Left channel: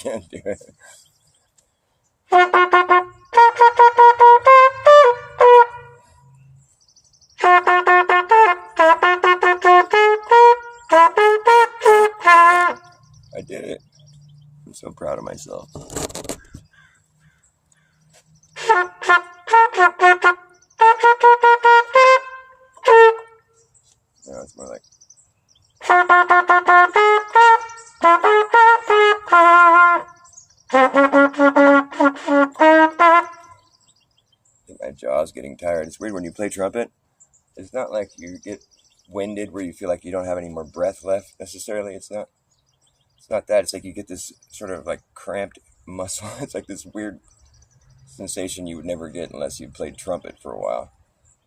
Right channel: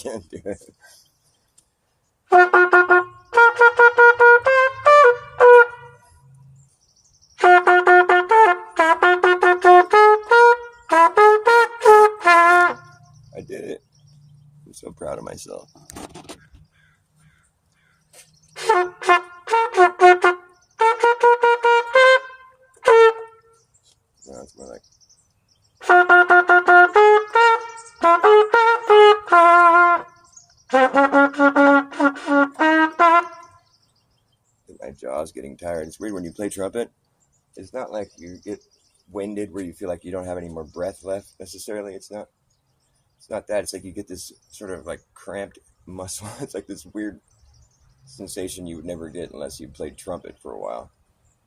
can't do it. I did it. I'm so proud of myself. No, it's more like. My jaw's getting tired. It's weird when you play trumpet. It's not like you get winded where you feel like you don't have any more breath left necessarily. It's not that. It's like you get this sort of like cramped muscle. It's like this weird sensation you would never get unless you played trumpet for a while.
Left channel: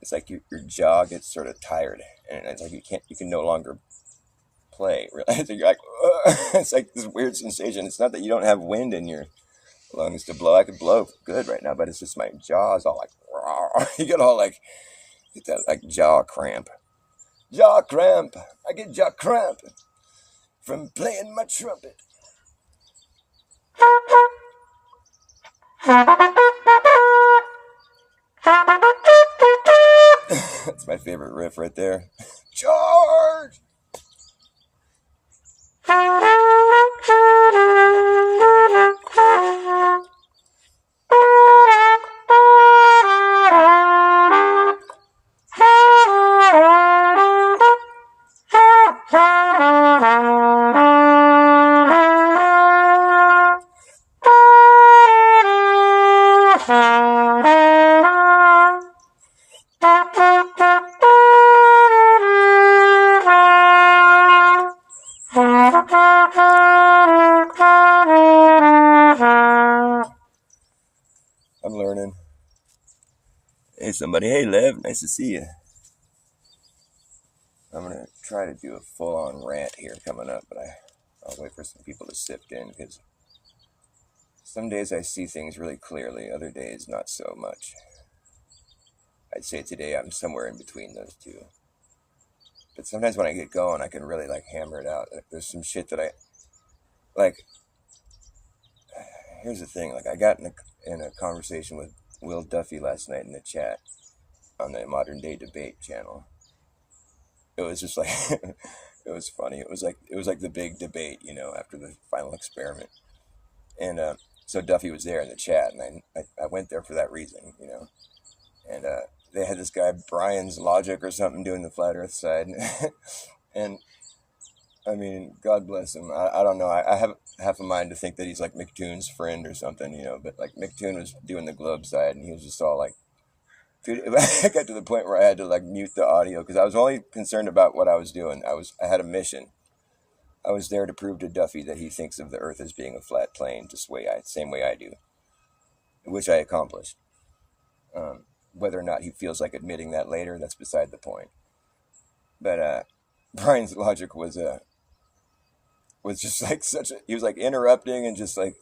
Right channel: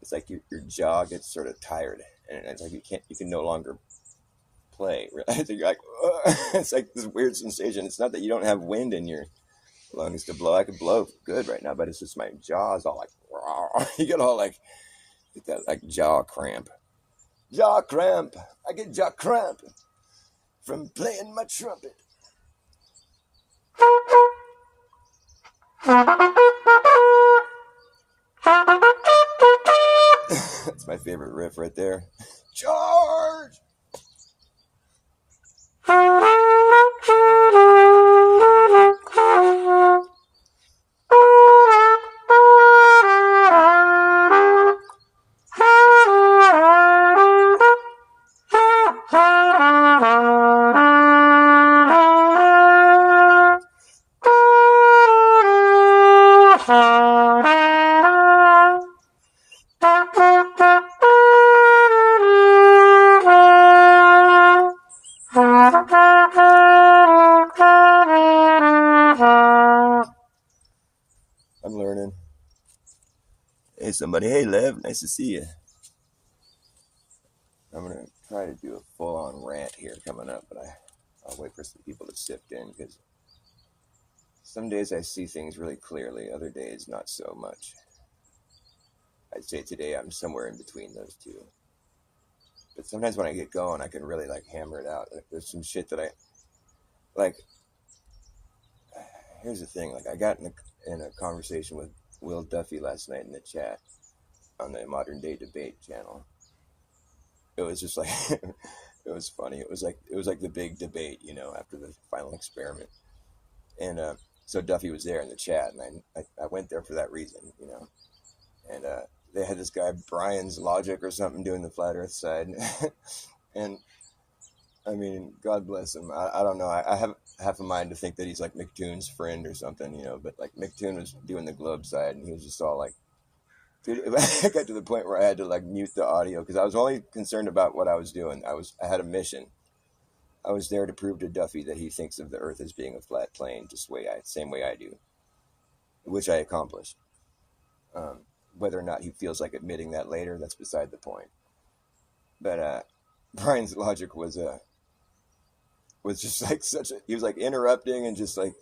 It's like your jaw gets sort of tired, and it's like you can no longer play. Really, you're like, ugh. It's like this weird sensation. It's not that you don't have wind in your lungs to blow. I could blow good right now, but it's just my jaw's all like, raw. You get all like, get that like jaw cramp. Jaw cramp. I get jaw cramp from playing my trumpet. That's my favorite riff right there. Charge! I'm learning. Hey, somebody. Hey, Lev. Nice to see you. I'm going to try to do a full-on rant here coming up, but I'll wait for some people to sift in, because some days I see things really clearly, other days not so much. I'd say today I'm somewhere in between those two. But sometimes when I get going, I can really, like, hammer it out. Like, there's some shit that here's the thing. Like, I got in a conversation with Will Duffy last night in the chat on the Modern Day Debate channel. It was just like, it was funny. It was like the big debate, after the final experiment. And so Duffy was there in the chat, and I went there for that reason, And they had this guy, Brian's Logic or something, doing the Flat Earth side. And, I mean, God bless him. I don't know. I have half a mind to think that he's like McToon's friend or something, But, like, McToon was doing the Globe side, and he was just all like, dude, I got to the point where I had to like mute the audio because I was only concerned about what I was doing. I had a mission. I was there to prove to Duffy that he thinks of the Earth as being a flat plane, same way I do, which I accomplished. Whether or not he feels like admitting that later, that's beside the point. But Brian's Logic was just like he was like interrupting and just like,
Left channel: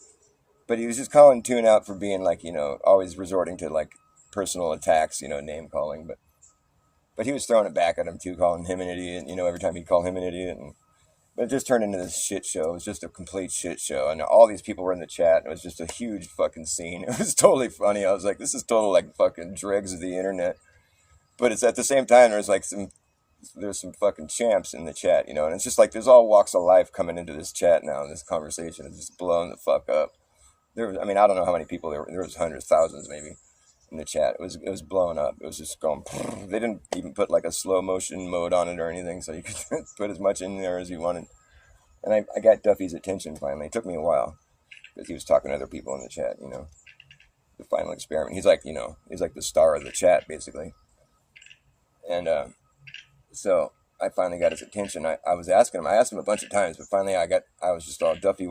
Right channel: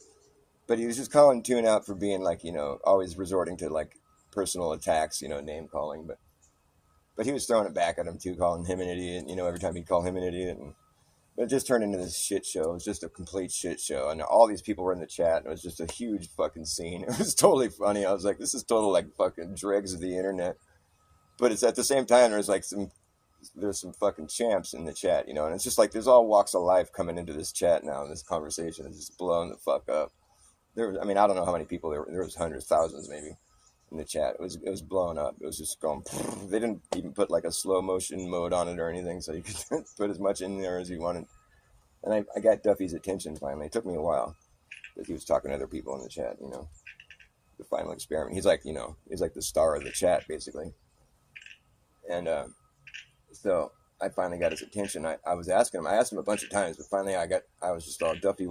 but he was just calling Toon out for being like, always resorting to like personal attacks, name calling, but he was throwing it back at him too, calling him an idiot, every time he'd call him an idiot, but it just turned into this shit show. It was just a complete shit show, and all these people were in the chat, and it was just a huge fucking scene. It was totally funny. I was like, this is total like fucking dregs of the internet, but it's at the same time there's some fucking champs in the chat, and it's just like there's all walks of life coming into this chat now, and this conversation is just blowing the fuck up. I don't know how many people there was hundreds, thousands maybe in the chat. It was blowing up. It was just going. They didn't even put like a slow motion mode on it or anything, so you could put as much in there as you wanted. And I got Duffy's attention finally. It took me a while because he was talking to other people in the chat. The final experiment. He's like, he's like the star of the chat basically. And so I finally got his attention. I was asking him. I asked him a bunch of times, but finally I was just all, Duffy,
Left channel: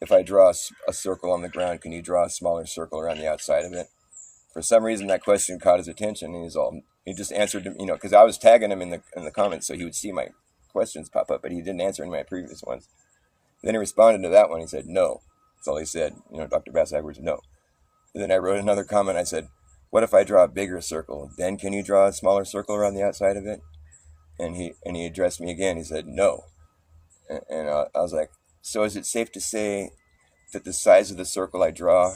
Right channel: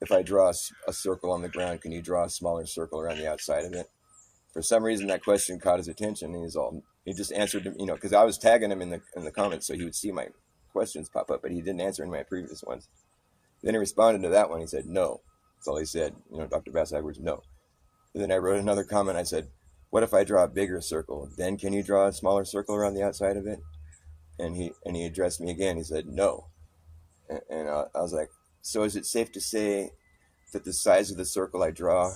if I draw a circle on the ground, can you draw a smaller circle around the outside of it? For some reason, that question caught his attention, and he just answered, because I was tagging him in the comments, so he would see my questions pop up, but he didn't answer any of my previous ones. Then he responded to that one. He said, no. That's all he said. Dr. Bas Edwards, no. And then I wrote another comment. I said, what if I draw a bigger circle? Then can you draw a smaller circle around the outside of it? And he addressed me again. He said, no. And I was like, so is it safe to say that the size of the circle I draw,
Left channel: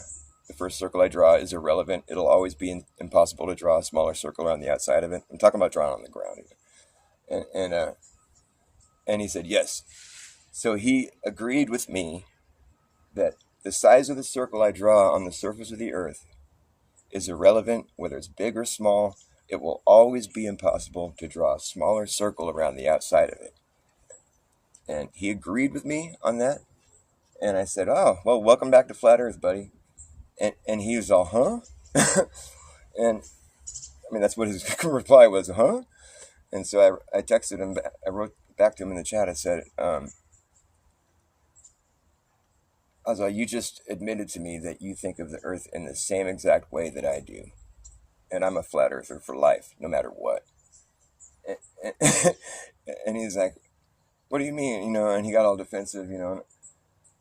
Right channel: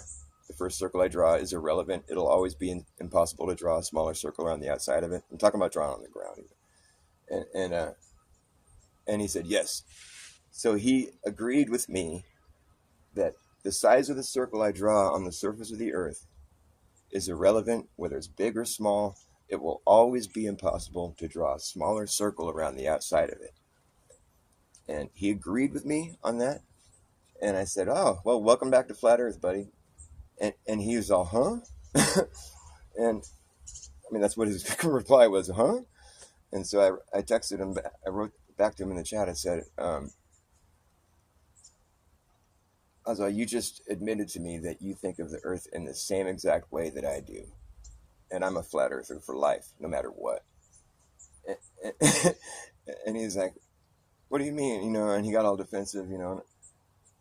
the first circle I draw, is irrelevant. It'll always be impossible to draw a smaller circle around the outside of it. I'm talking about drawing on the ground. And he said, yes. So he agreed with me that the size of the circle I draw on the surface of the earth is irrelevant, whether it's big or small. It will always be impossible to draw a smaller circle around the outside of it. And he agreed with me on that. And I said, oh, well, welcome back to Flat Earth, buddy. And he was all, huh? And I mean, that's what his reply was, huh? And so I texted him, I wrote back to him in the chat. I said, I was like, you just admitted to me that you think of the earth in the same exact way that I do. And I'm a flat earther for life, no matter what. And he's like, what do you mean? You know, and he got all defensive, you know.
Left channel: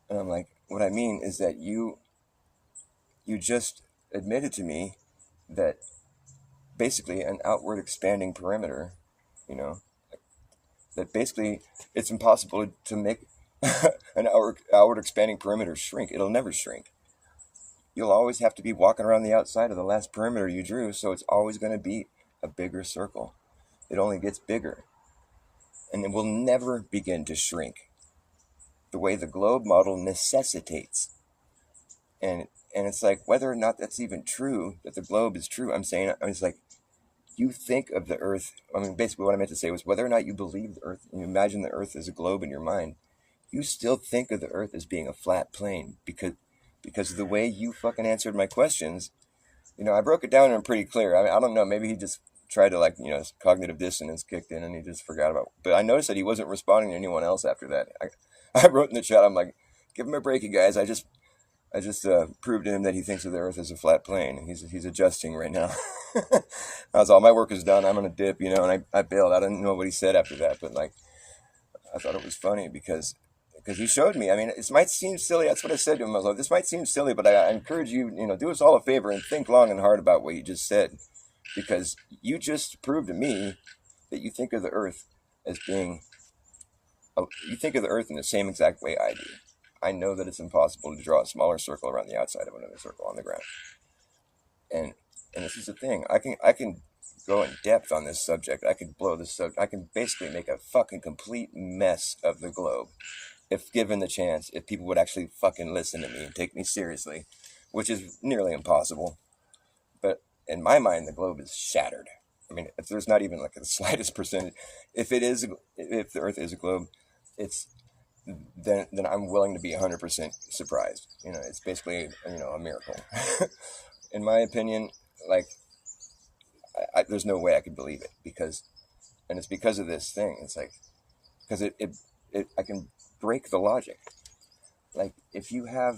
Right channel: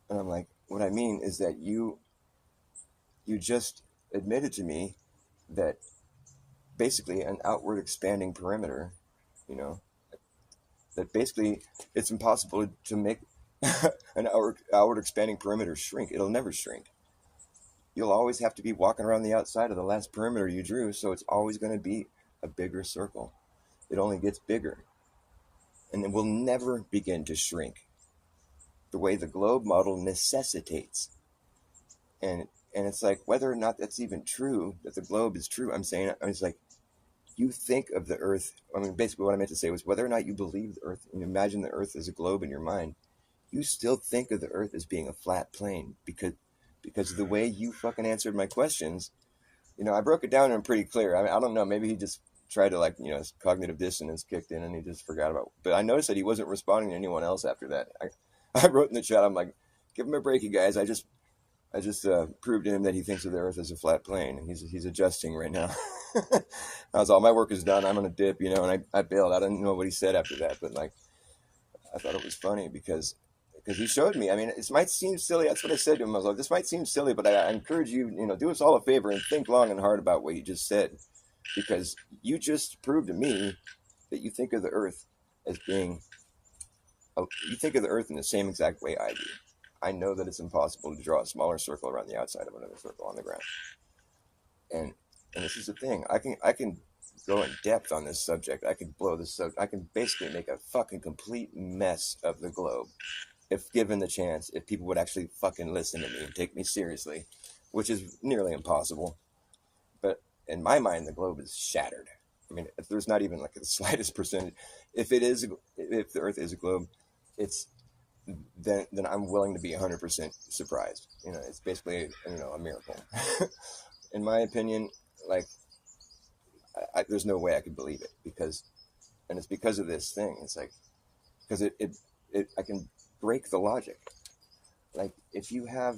And I'm like, what I mean is that you just admitted to me that basically an outward expanding perimeter, you know, that basically it's impossible to make an outward expanding perimeter shrink. It'll never shrink. You'll always have to be walking around the outside of the last perimeter you drew, so it's always going to be a bigger circle. It only gets bigger. And it will never begin to shrink the way the globe model necessitates. And it's like, whether or not that's even true, that the globe is true, I'm saying, I was like, you think of the earth, I mean, basically what I meant to say was, whether or not you believe the earth, and you imagine the earth as a globe in your mind, you still think of the earth as being a flat plane, because of the way you fucking answered my questions. You know, I broke it down and I'm pretty clear. I mean, I don't know, maybe he just tried to, like, you know, cognitive dissonance kicked in and he just forgot about it. But I noticed that he wasn't responding to anyone else after that. I wrote in the chat, I'm like, give him a break, you guys. I just proved to him that he thinks of the earth as a flat plane. He's adjusting right now. I was all, my work is done. I'm gonna dip, you know, and I bailed. I didn't know what he said after that, but like, I thought it was funny because he showed me. I mean, it might seem silly. That's what I said to him. I was like, this might seem silly, but I encourage you, you know, do us all a favor and think long and hard about what you just said, because you just proved to me that you think of the earth as being, you think of the earth in the same exact way I do. I know that it's impossible to draw a smaller circle around the outside of another circle on the ground. And this is the thing. I can go in depth on this subject. I could blow this subject. I can basically make a fucking complete mess of the globe, if given the chance, if people would actually fucking listen to me and take me seriously, which is nearly impossible. But in my mind, the globe is shattered. I mean, if there's not even like the slightest percentage, if the earth is a globe, then I'm willing to be 100% surprised. You know, it's basically, you know, a miracle. In my opinion, like, there's no way I could believe it, and it's because of this thing. It's like, because I can break the logic. Like, if you have,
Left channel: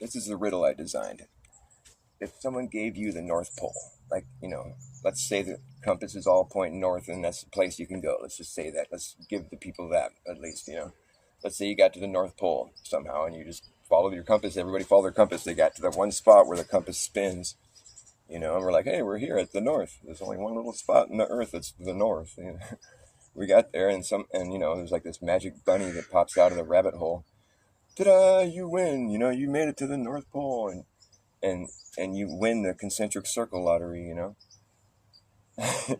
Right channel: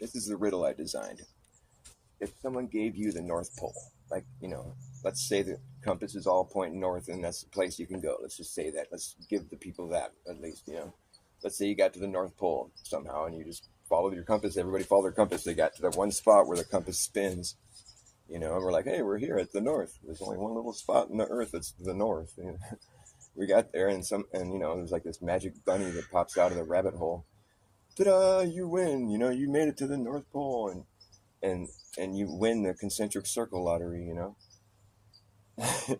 this is the riddle I designed. If someone gave you the North Pole, like, you know, let's say the compass is all pointing north and that's the place you can go. Let's just say that. Let's give the people that, at least, you know. Let's say you got to the North Pole somehow and you just followed your compass. Everybody followed their compass. They got to the one spot where the compass spins, you know, and we're like, hey, we're here at the north. There's only one little spot in the earth that's the north. You know? We got there and you know, there's like this magic bunny that pops out of the rabbit hole. Ta-da, you win. You know, you made it to the North Pole, and you win the concentric circle lottery, you know.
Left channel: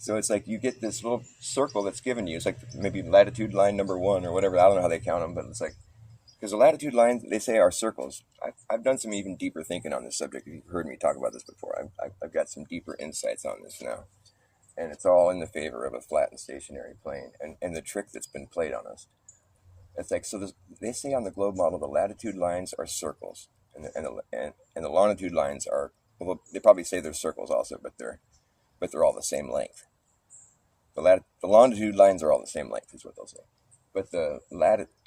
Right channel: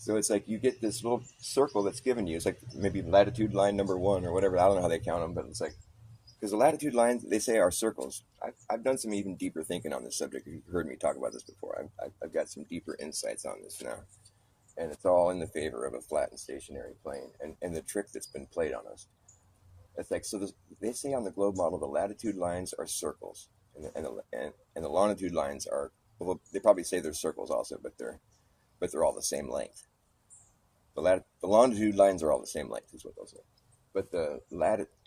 So it's like you get this little circle that's given you. It's like maybe latitude line number 1 or whatever. I don't know how they count them, but it's like, because the latitude lines, they say, are circles. I've done some even deeper thinking on this subject. You've heard me talk about this before. I've got some deeper insights on this now. And it's all in the favor of a flat and stationary plane and the trick that's been played on us. It's like, so they say on the globe model, the latitude lines are circles, and the longitude lines are, well, they probably say they're circles also, but they're all the same length. The longitude lines are all the same length, is what they'll say. But the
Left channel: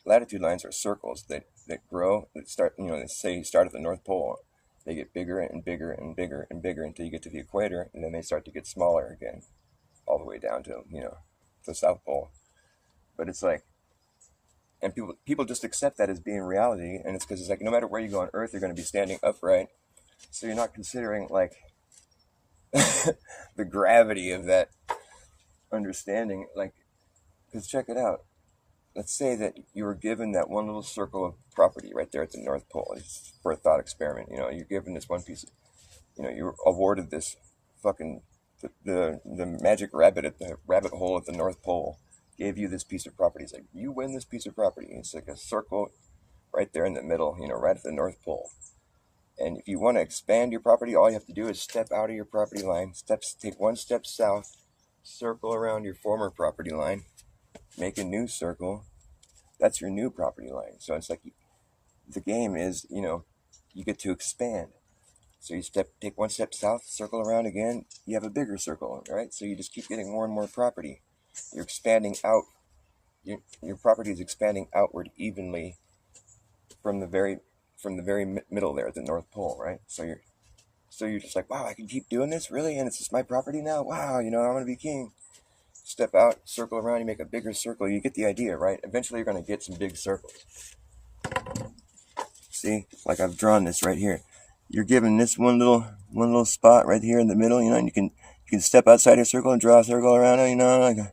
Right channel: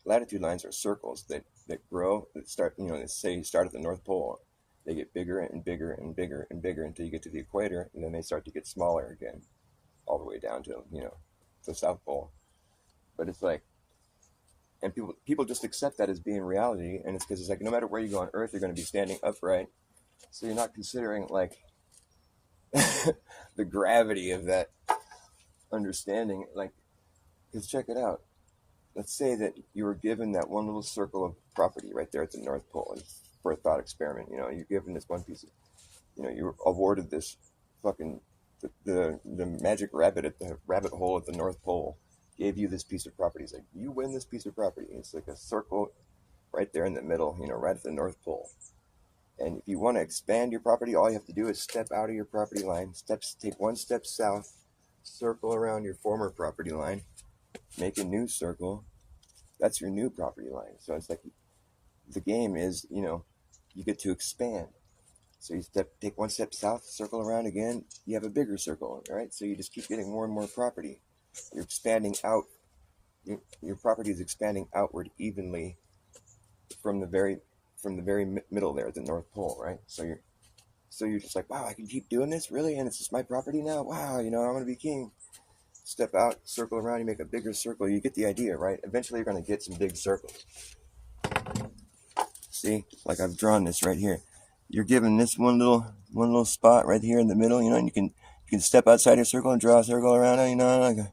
latitude lines are circles that grow, that start, you know, let's say you start at the North Pole. They get bigger and bigger and bigger and bigger until you get to the equator, and then they start to get smaller again, all the way down to, you know, the South Pole. But it's like, and people just accept that as being reality, and it's because it's like, no matter where you go on Earth, you're going to be standing upright, so you're not considering, like, the gravity of that understanding. Like, because check it out, let's say that you were given that one little circle of property right there at the North Pole. It's for a thought experiment. You're given this one piece of, you were awarded this fucking, the magic rabbit at the rabbit hole at the North Pole gave you this piece of property. It's like, you win this piece of property. And it's like a circle right there in the middle, right at the North Pole. And if you want to expand your property, all you have to do is step out of your property line, take one step south, circle around your former property line, make a new circle. That's your new property line. So it's like the game is, you get to expand. So you take one step south, circle around again, you have a bigger circle, right? So you just keep getting more and more property. You're expanding out. Your property is expanding outward evenly from the very middle there at the North Pole, right? So you're just like, wow, I can keep doing this, really? And it's just my property now? Wow, I'm going to be king. Step out, circle around, you make a bigger circle. You get the idea, right? Eventually you're going to get some big circles. See, like I've drawn this right here. You're given this one little spot right here in the middle, and you can step outside your circle and draw a circle around it,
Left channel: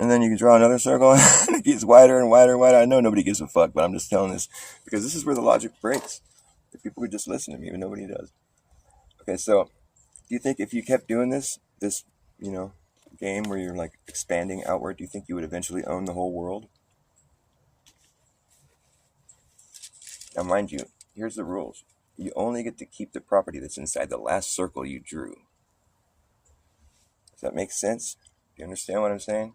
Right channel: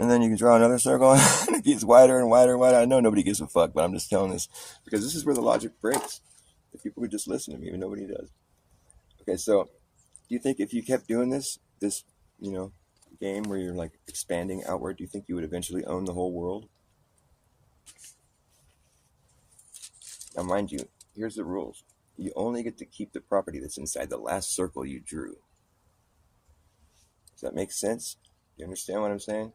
and then you can draw another circle, and it gets wider and wider and wider. I know nobody gives a fuck, but I'm just telling this because this is where the logic breaks. If people would just listen to me, but nobody does. Okay, so do you think if you kept doing this game where you're like expanding outward, do you think you would eventually own the whole world? Now, mind you, here's the rules. You only get to keep the property that's inside the last circle you drew. Does that make sense? Do you understand what I'm saying?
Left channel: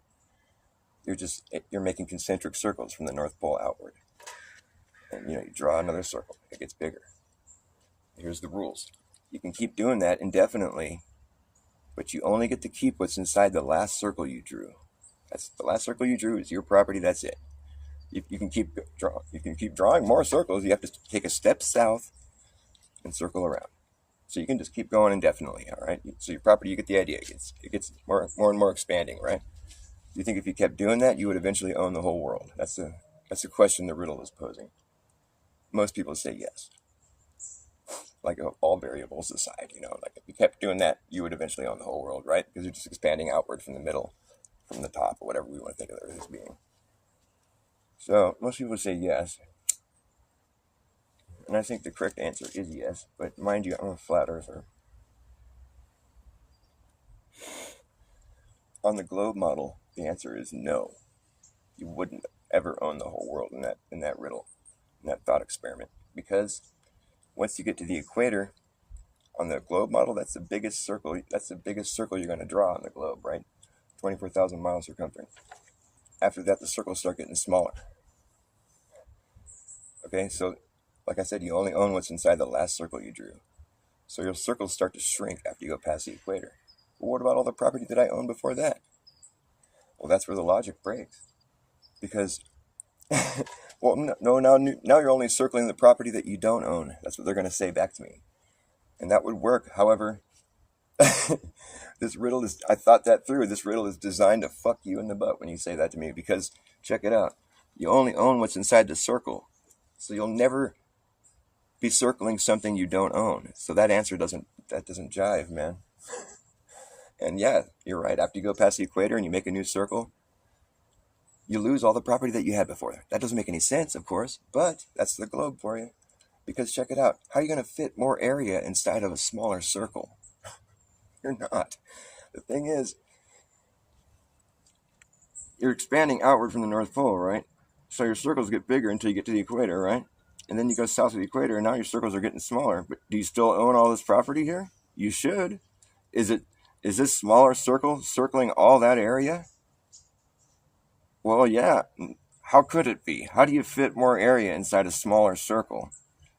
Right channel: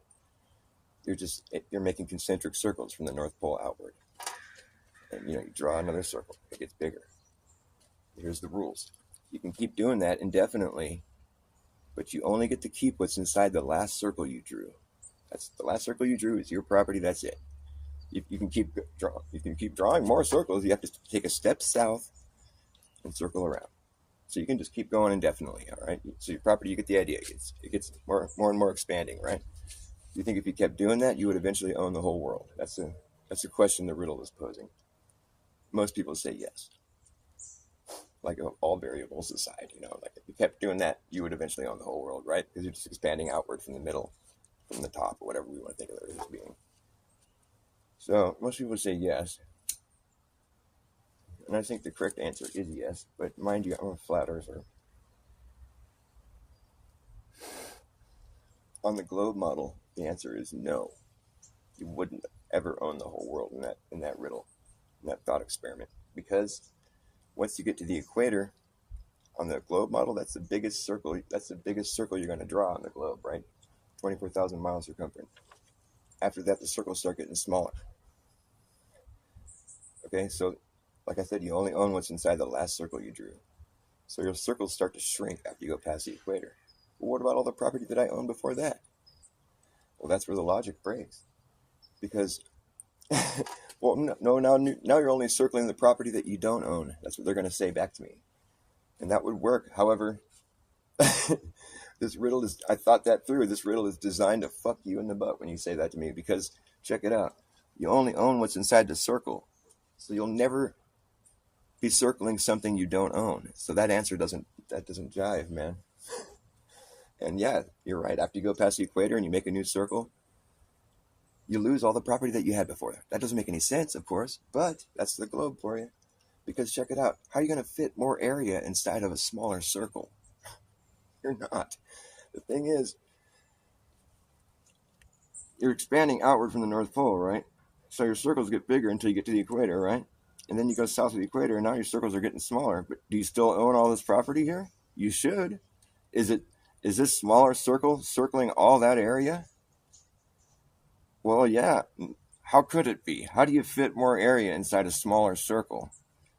You're making concentric circles from the North Pole outward. And you draw another circle. It gets bigger. Here's the rules. You can keep doing that indefinitely, but you only get to keep what's inside the last circle you drew. That's the last circle you drew is your property. That's it. You can keep drawing more circles. You have to take a step south and circle around. So you can just keep going indefinitely, all right? So your property, you get the idea. It gets more and more expanding, right? Do you think if you kept doing that, you would eventually own the whole world? That's a question the riddle is posing. Most people say yes. Like all variables aside, like if you kept doing that, you would eventually own the whole world, right? Because you're just expanding outward from the middle, from the top, or whatever we want to think of the Earth as being. So most people say yes. And I think the correct answer is yes. But mind you, I'm a flat earther. On the globe model, the answer is no. You wouldn't ever own the whole world in that riddle, in that thought experiment. Because once you get to the equator, on the globe model, that's the biggest circle. That's the biggest circle you're going to draw on the globe, right? 24,000 miles circumference. After that, the circles start getting smaller. Okay, so like I said, you only own what's inside the last circle you drew. So your circles start to shrink after you go past the equator. But what about all the property that I owned before that? Well, that's where the logic breaks. Because, well, no, now you're only circling the property that you don't own. That's what they're going to say back to me. And that would work. However, this riddle is, I thought that through. This riddle is designed to fuck you in the butt when you say that to me. Because, check it out. You only own what's inside the circle. So you'll never be circling something you don't own. So that answer doesn't jive, man. And yeah, you're right. After you go past the equator and you make a new circle, you lose all the property that you had before. That doesn't make any sense, of course, but that's the globe for you. Because check it out. How are you going to fit more area inside of a smaller circle? You're not. The thing is, you're expanding outward from the North Pole, right? So your circles get bigger until you get to the equator, right? And then you go south of the equator, and now your circles are getting smaller. But do you still own all this property here? You should. Is this smaller circle circling all that area? Well, yeah. How could it be? How do you fit more area inside a smaller circle?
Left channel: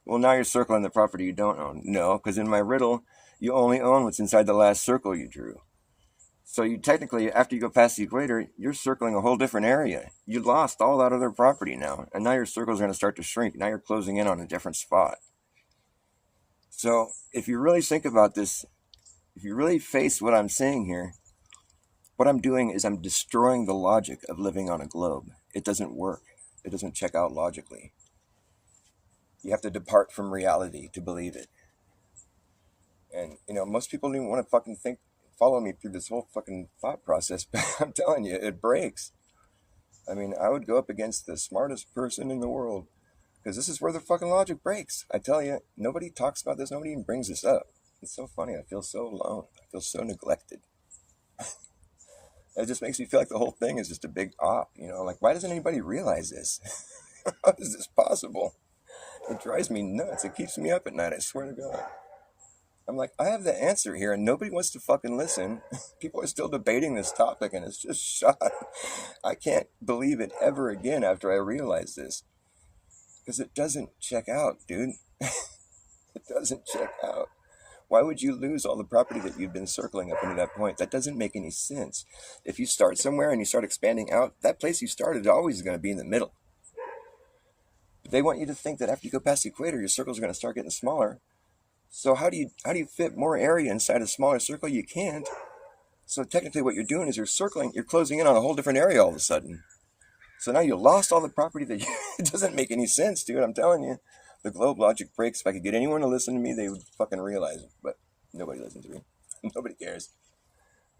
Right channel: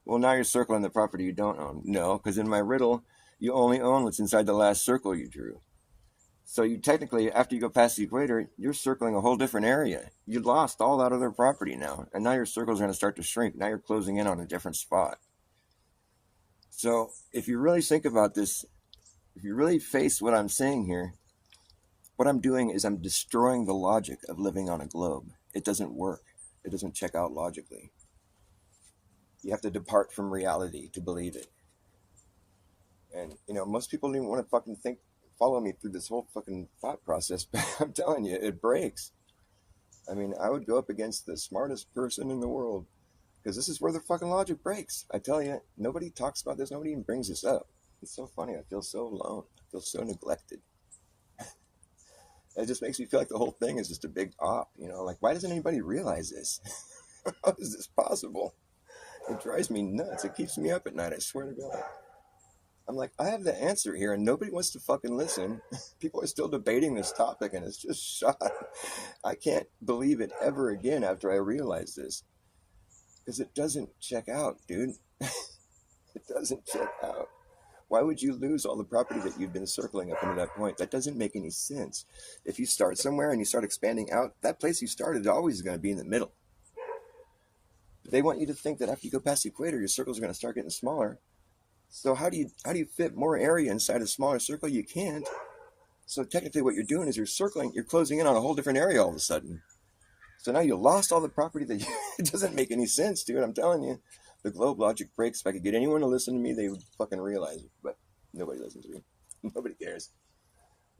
Well, now you're circling the property you don't own. No, because in my riddle, you only own what's inside the last circle you drew. So you technically, after you go past the equator, you're circling a whole different area. You lost all that other property now, and now your circles are going to start to shrink. Now you're closing in on a different spot. So if you really think about this, if you really face what I'm saying here, what I'm doing is I'm destroying the logic of living on a globe. It doesn't work. It doesn't check out logically. You have to depart from reality to believe it. And, most people don't even want to fucking follow me through this whole fucking thought process, but I'm telling you, it breaks. I mean, I would go up against the smartest person in the world because this is where the fucking logic breaks. I tell you, nobody talks about this. Nobody even brings this up. It's so funny. I feel so alone. I feel so neglected. It just makes me feel like the whole thing is just a big op. You know, like why doesn't anybody realize this? How is this possible? It drives me nuts. It keeps me up at night. I swear to God. I'm like, I have the answer here, and nobody wants to fucking listen. People are still debating this topic, and it's just shot. I can't believe it ever again after I realize this. Because it doesn't check out, dude. It doesn't check out. Why would you lose all the property that you've been circling up into that point? That doesn't make any sense. If you start somewhere and you start expanding out, that place you started always is going to be in the middle. They want you to think that after you go past the equator, your circles are going to start getting smaller. So how do you fit more area inside a smaller circle? You can't. So technically what you're doing is you're closing in on a whole different area all of a sudden. So now you lost all the property that it doesn't make any sense, dude. I'm telling you. The globe logic breaks. If I could get anyone to listen to me, they would fucking realize it. But nobody listens to me. Nobody cares.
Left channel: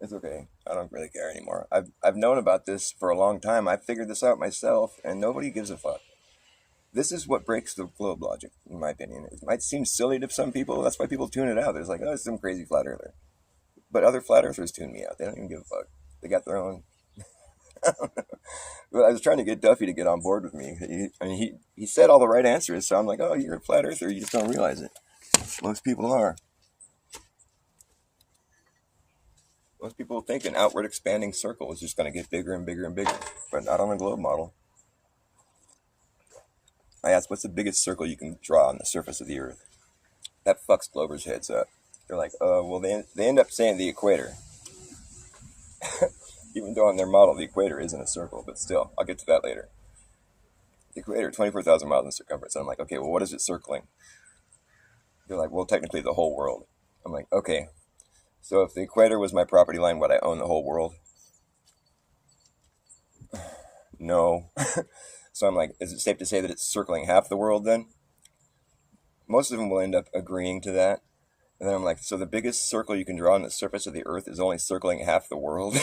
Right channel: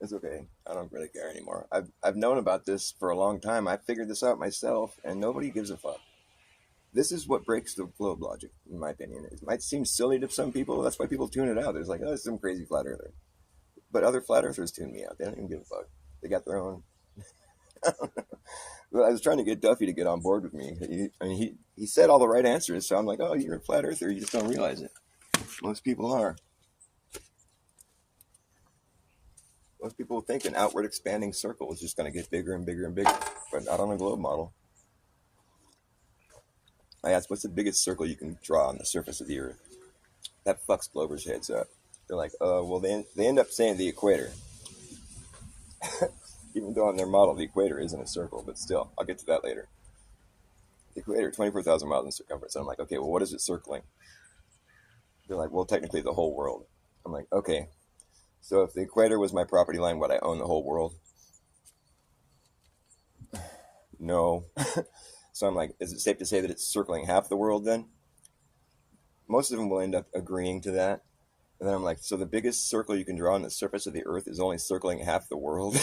It's okay. I don't really care anymore. I've known about this for a long time. I figured this out myself, and nobody gives a fuck. This is what breaks the globe logic, in my opinion. It might seem silly to some people. That's why people tune it out. There's like, oh, it's some crazy flat earther. But other flat earthers tune me out. They don't even give a fuck. They got their own. Well, I was trying to get Duffy to get on board with me. He said all the right answers, so I'm like, oh, you're a flat earther. You just don't realize it. Most people are. Most people think an outward expanding circle is just going to get bigger and bigger and bigger, but not on a globe model. I asked, what's the biggest circle you can draw on the surface of the Earth? That fucks Glover's heads up. They're like, well, they end up saying the equator. Even though on their model, the equator isn't a circle, but still, I'll get to that later. The equator, 24,000 miles in circumference. And I'm like, okay, well, what is it circling? They're like, well, technically the whole world. I'm like, okay, so if the equator was my property line, would I own the whole world? No. So I'm like, is it safe to say that it's circling half the world then? Most of them will end up agreeing to that. And then I'm like, so the biggest circle you can draw on the surface of the Earth is only circling half the world?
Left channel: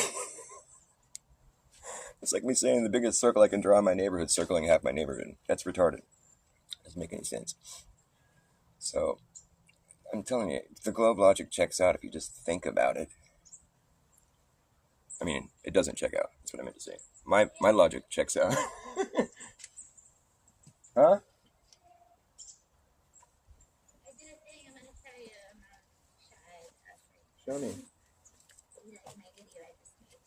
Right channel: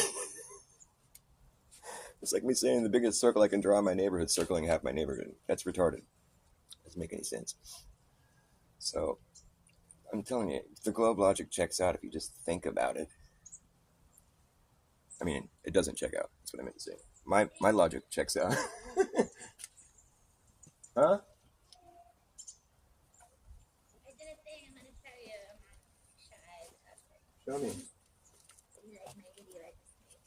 It's like me saying the biggest circle I can draw in my neighborhood is circling half my neighborhood. That's retarded. Doesn't make any sense. So I'm telling you, the globe logic checks out if you just think about it. I mean, it doesn't check out. That's what I meant to say. My logic checks out. Huh? I did a thing. I'm gonna tell you. I'm not shy. Show me. You like Maggie? Do you like this Maggie?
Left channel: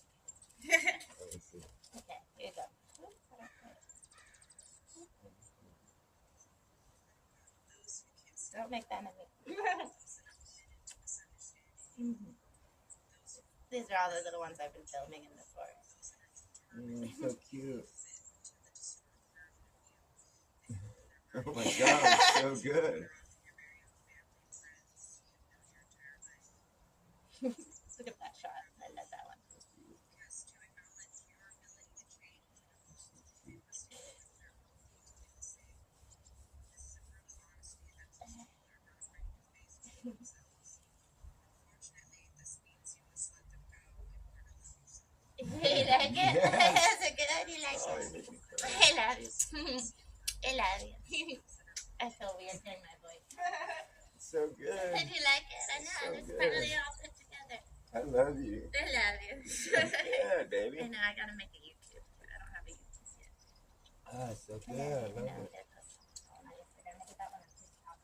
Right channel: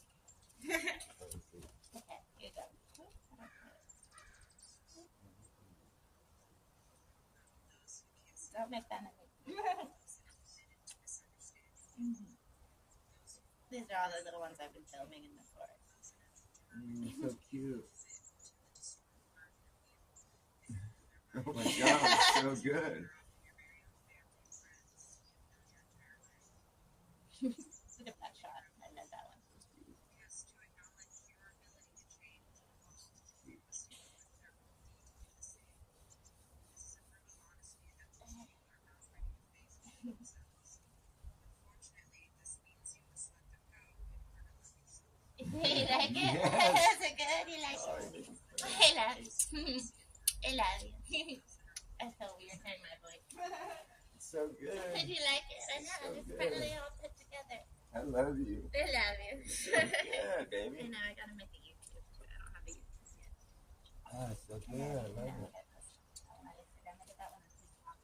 Okay, here you go. Don't make fun of me. Mm-hmm. These are all the little ones I've been filming in the forest. So cute. Oh my god, so good. Look at that shot. I love that one. You like it? Yes. Is it good? You like Oh, it? you make me cry. I love you. I love you. I feel weird hearing my voice. It's so Do good. you like it? I know. So It's good. finally all put together. I love you. I love you. Yeah, baby. I know. I gotta make a YouTube too. I don't have a YouTube yet. Ah, so I good. know. I I know. love We it. did this on my Instagram. I did that one on TikTok.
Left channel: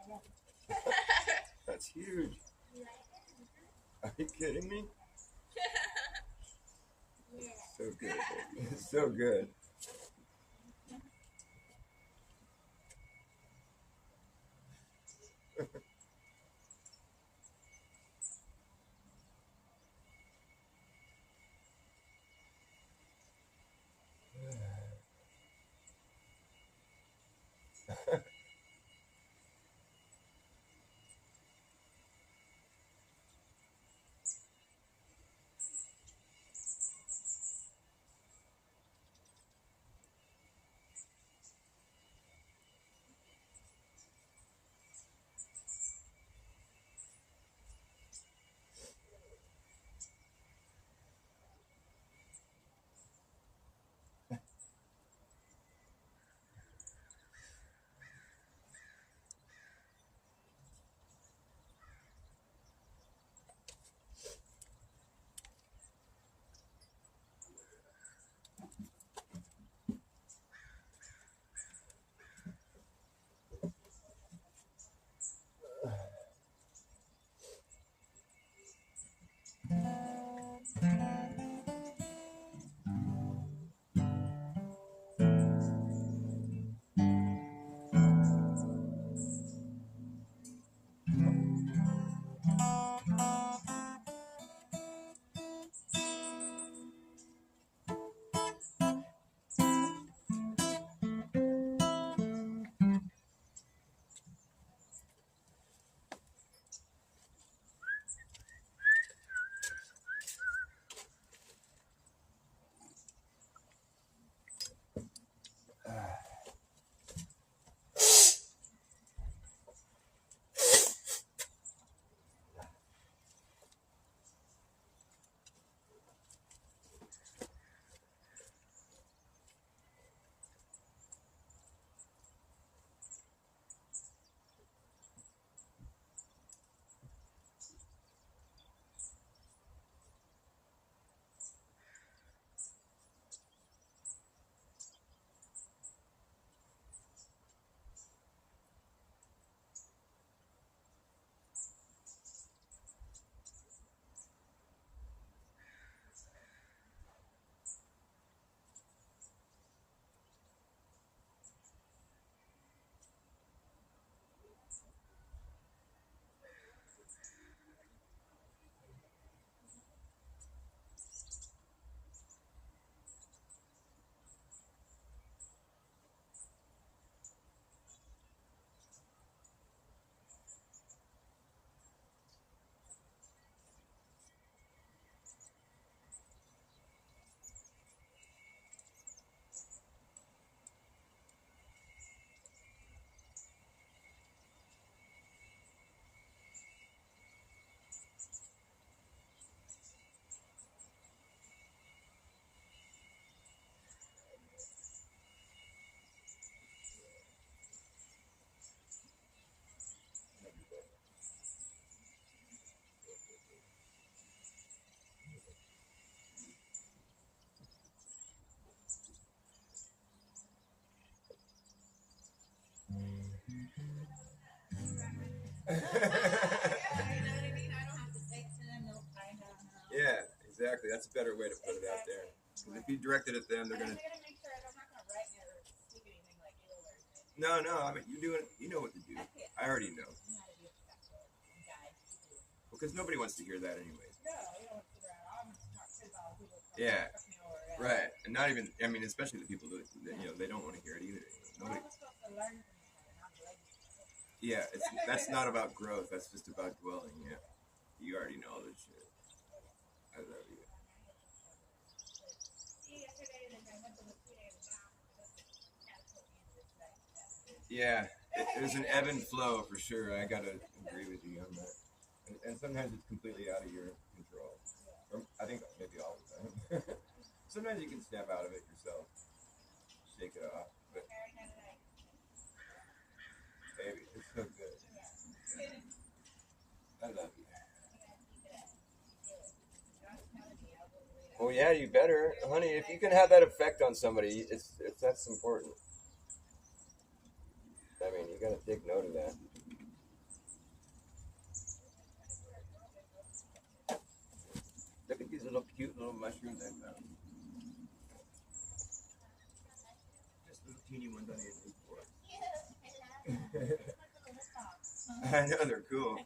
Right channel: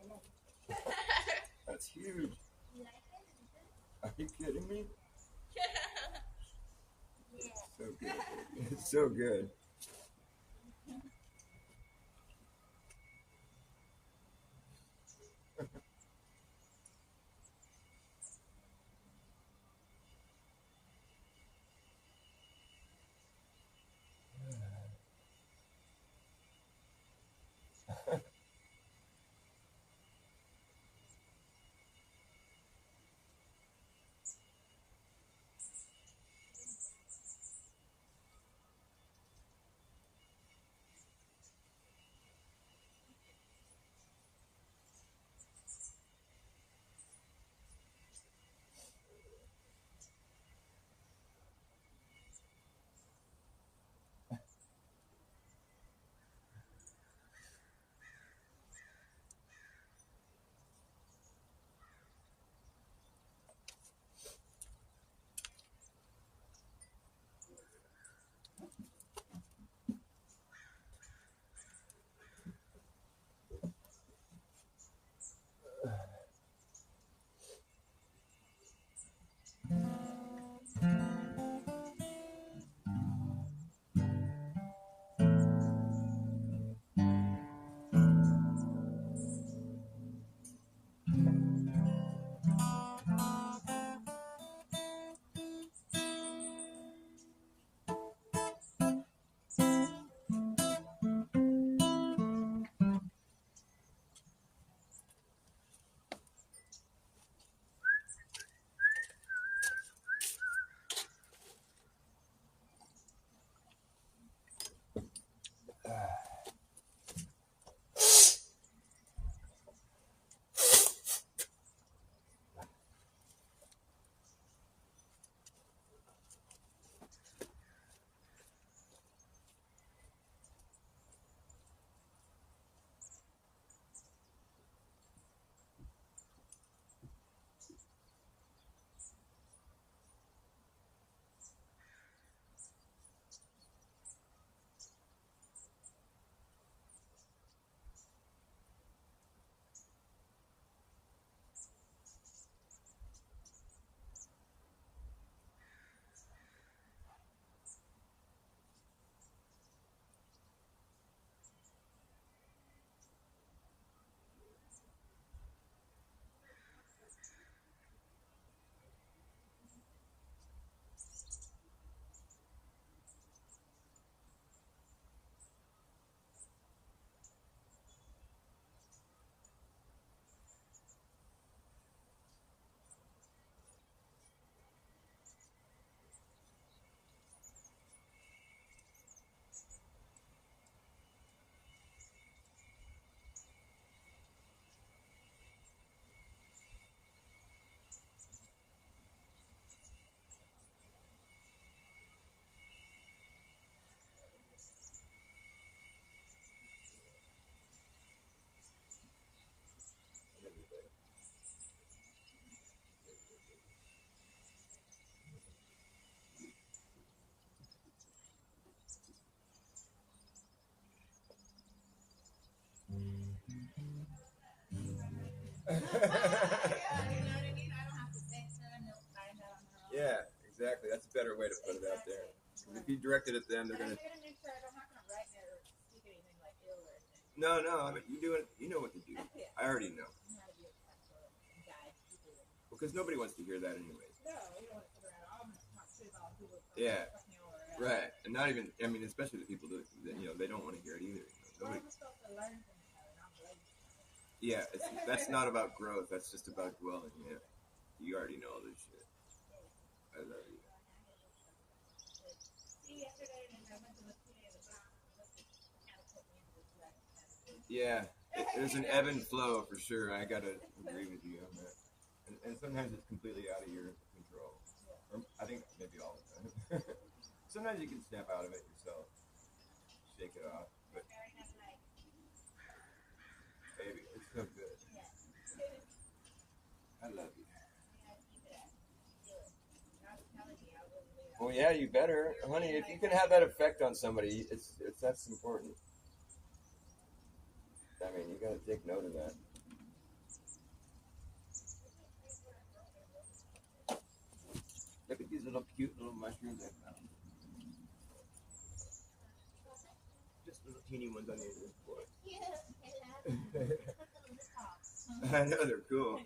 I love you. That's huge. You like it? Is it good? Are you kidding me? Yeah. So good, baby. It's so good. Yeah, exactly. That's a better way to put it out there. Because if you direct it at them, they're gonna. No, I mean you doing. You know what to do. I already know. Because nobody wants to hear that anyway. Yeah, right. And not even. I mean, especially the people that they don't want to hear it either. Nobody. Yeah, that's not about growth. That's just about dwelling. Yeah, you already know all this shit. I love you. Yeah, there's an ebb and flow for sure. I gotta agree with you on that. And sometimes it's completely out of your control. Or I think maybe all the time. Sometimes you can snap out of it yourself, shake it off. But baby, it's so good. I love you. Well, yeah, you better, honey. If you can have that effect on somebody, it's that's important. I mean, you gotta take note of that. Look at these little cute little mushrooms I found. Just little teeny ones on the end of this board. I know they're cool.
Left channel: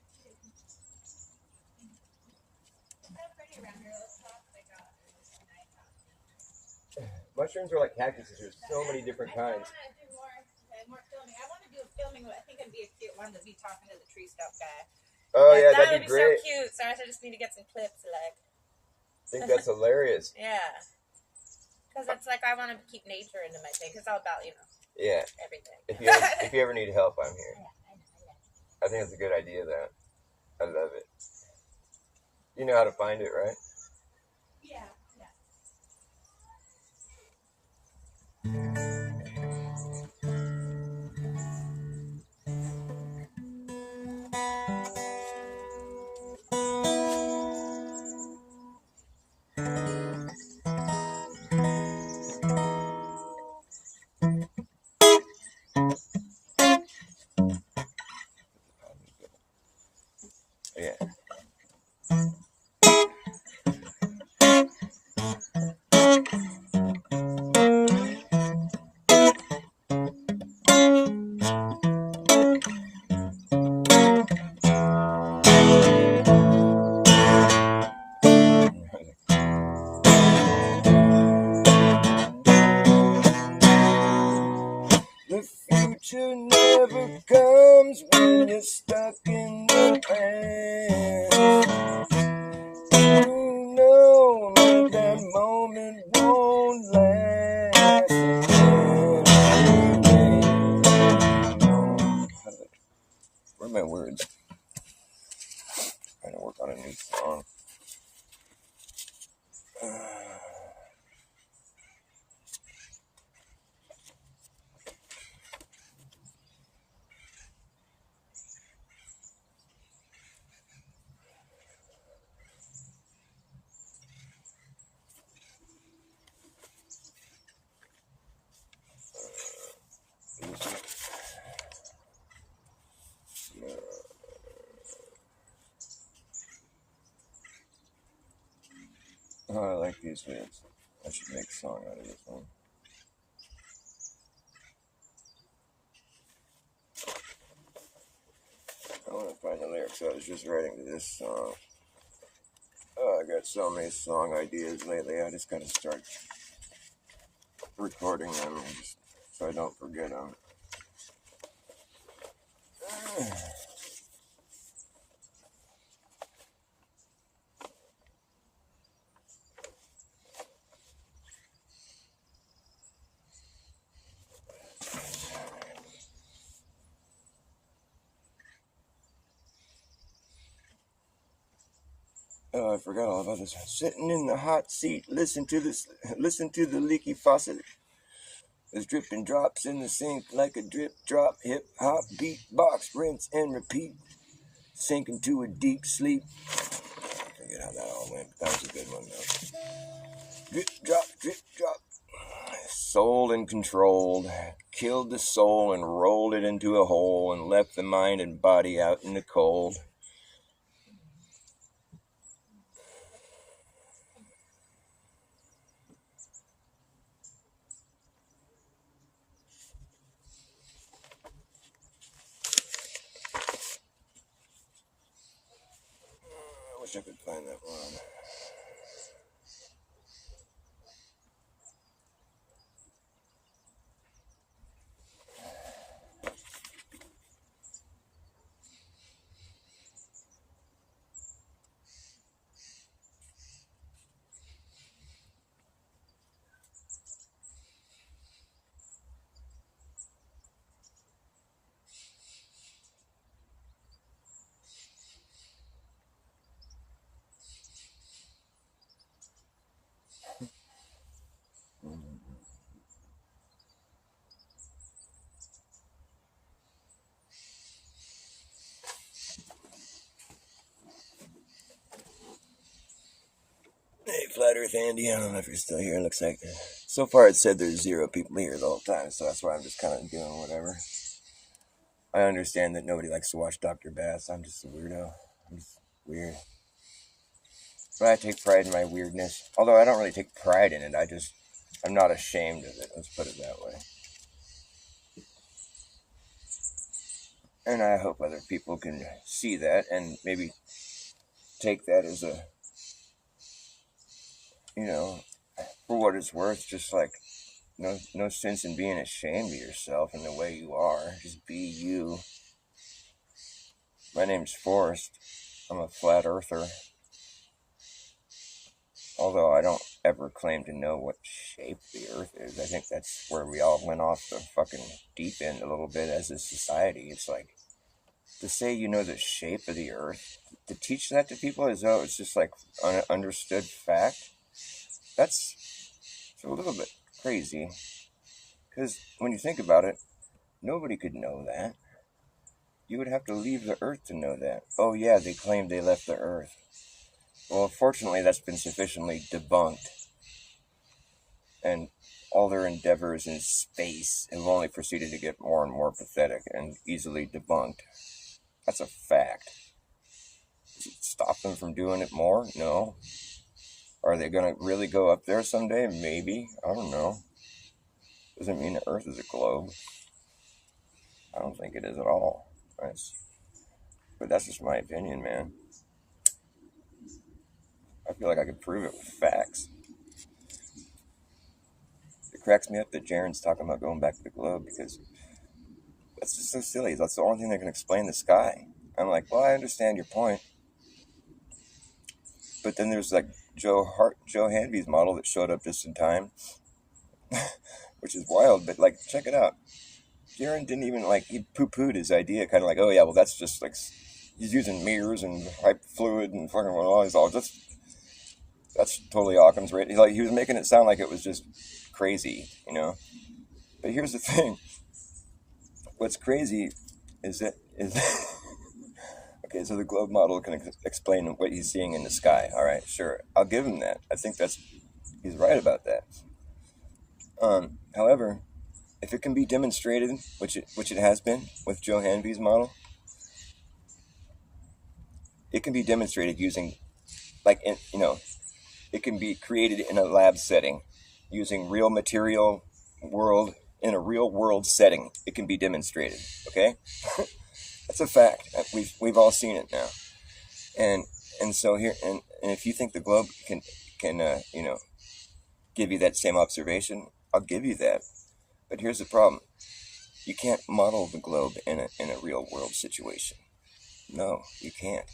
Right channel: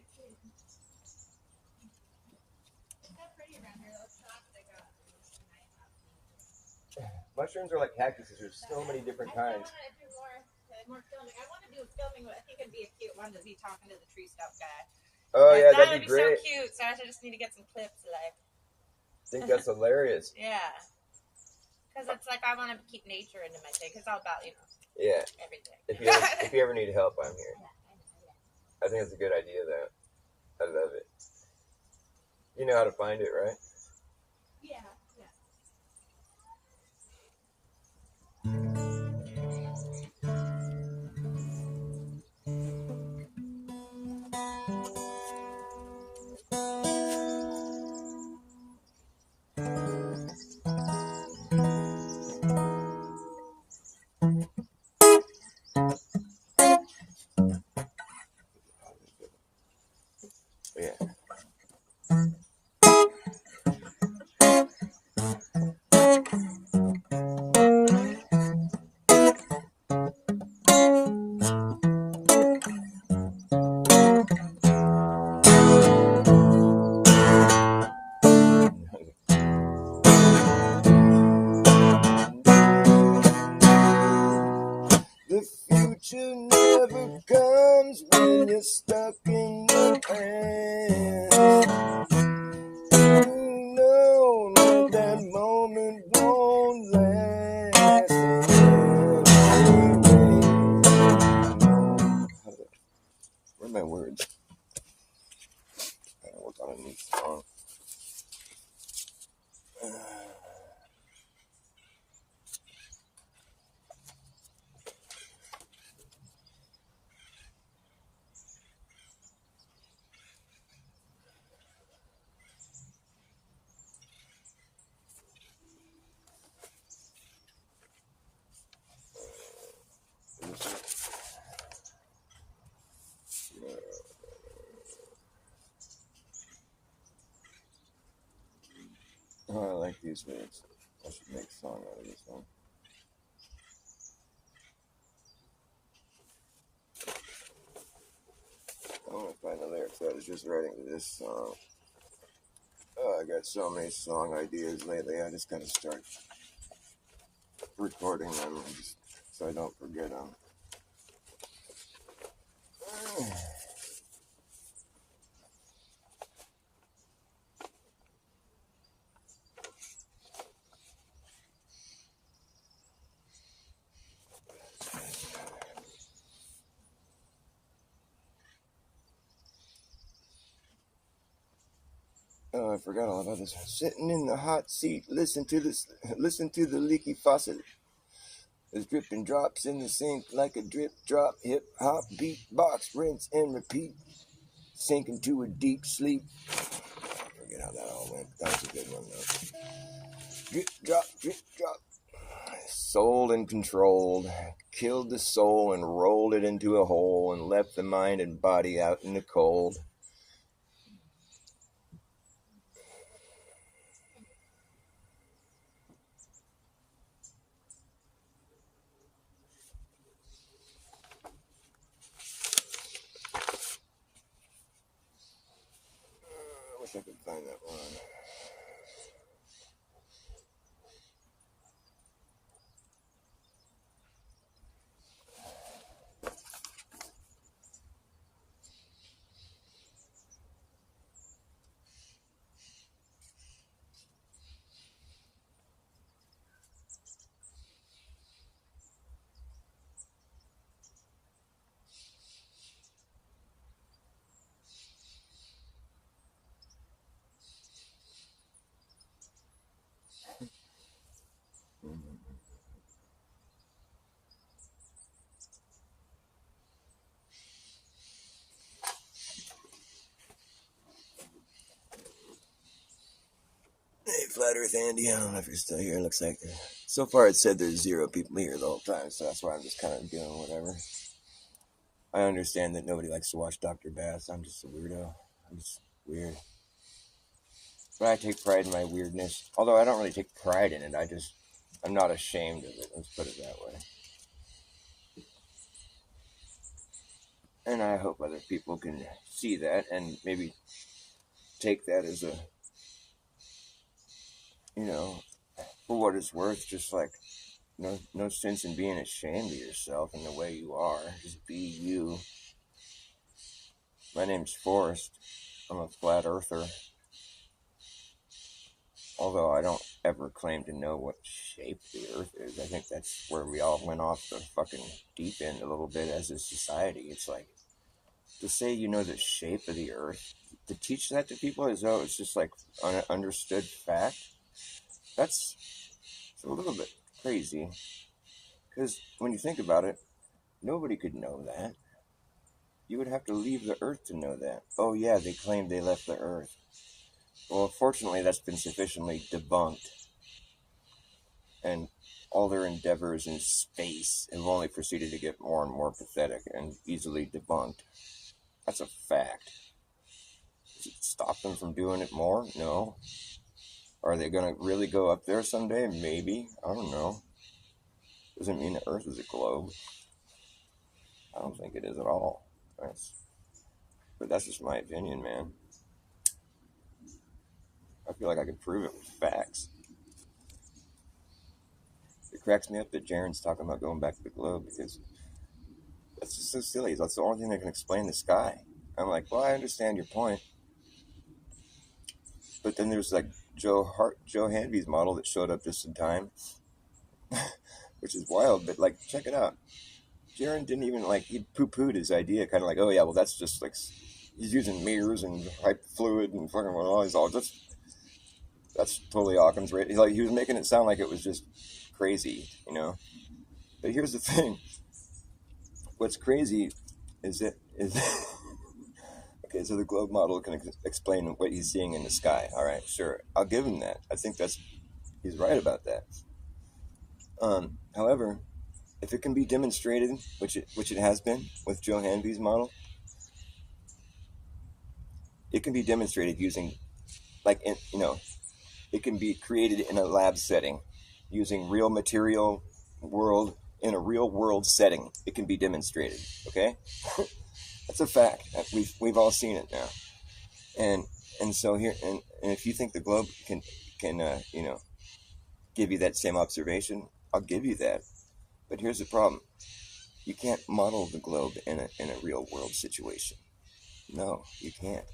Mushrooms are like cactuses. There's so many different kinds. More filming. I want to do a filming. I think it'd be a cute one to be talking to the tree stump guy. Oh yeah, that'd be great. So cute. So I just need to get some clips. Like, I think that's hilarious. Yeah, because it's like I want to keep nature into my thing. Because it's all about yeah, everything. If you ever need help, I'm here. I think it's a good idea. That I love it. You know how to find it, right? Yeah. Yeah. The future never comes when you're stuck in the past. You know that moment won't last. Where are my words? Trying to work on a new song. Oh, I like these lyrics. I should make a song out of this one. I want to find the lyrics I was just writing to this song. Oh, I got so many song ideas lately. I just got to start recording them just so I don't forget them. Oh, I forgot all about this. Sitting in the hot seat, listen to the leaky faucet. There's dripping drops in the sink like a drip drop. Hip hop beat box, rinse and repeat. Sink into a deep sleep. Forget how that all went. That was a good one though. Drip drop, sold and controlled, killed the soul and rolled it into a hole and left the mind and body out in the cold. I wish I could find that one. Hey, Flat Earth Andy, I don't know if you're still here. It looks like so far it said there's 0 people here the whole time, so that's why I'm just kind of doing whatever. I understand that nobody likes to watch Dr. Bas. I'm just a weirdo. I'm just weird. But I take pride in my weirdness. Although I don't really take pride in it. I'm not ashamed of it. Let's put it that way. And I hope other people can see that and maybe take that as a, for what it's worth, just like no sense in being ashamed of yourself and the way you are. Just be you. My name's Forrest. I'm a flat earther. Although I don't ever claim to know what shape the earth is. I think that's where we all went off the fucking deep end a little bit as a society. It's like, to say you know the shape of the earth, to teach that to people as though it's just like an understood fact, that's a little bit crazy. Because when you think about it, nobody could know that. You would have to leave the earth to know that. Oh yeah, they claim they left the earth. Well, fortunately, that's been sufficiently debunked. And all their endeavors in space have only proceeded to get more and more pathetic and easily debunked. That's a fact. Does it stop them from doing it more? No. Are they going to really go up there someday? Maybe. I don't know. Doesn't mean the earth is a globe. I don't think it is at all. But that's just my opinion, man. I feel like I could prove it with facts. It cracks me up that Jaren's talking about going back to the globe because that's just so silly. That's the only thing that can explain the sky. I'm like, well, I understand your point. But then there's like Joe Hanvey's model that showed up just in time, which is wild. But like, check it out. Jaren didn't even he poo-pooed his idea, kind of like, oh yeah, well that's just like he's using mirrors and hype fluid and fucking all. He's all just that's totally Occam's right. He was making it sound like it was just crazy, But here's the thing. What's crazy is okay, so the globe model can explain what he's seeing in the sky. All right, sure, I'll give him that. I think he's right about that. However, if it can be demonstrated, which it has been with Joe Hanvey's model, it can be demonstrated using, it can be created in a lab setting using real material world in a real world setting. It can be demonstrated. Okay, that's a fact. We've all seen it now, and so here and if you think the globe can give you that same observation, I'll give you that. But here's the problem: you can't model the globe in a real world situation. No, you can't.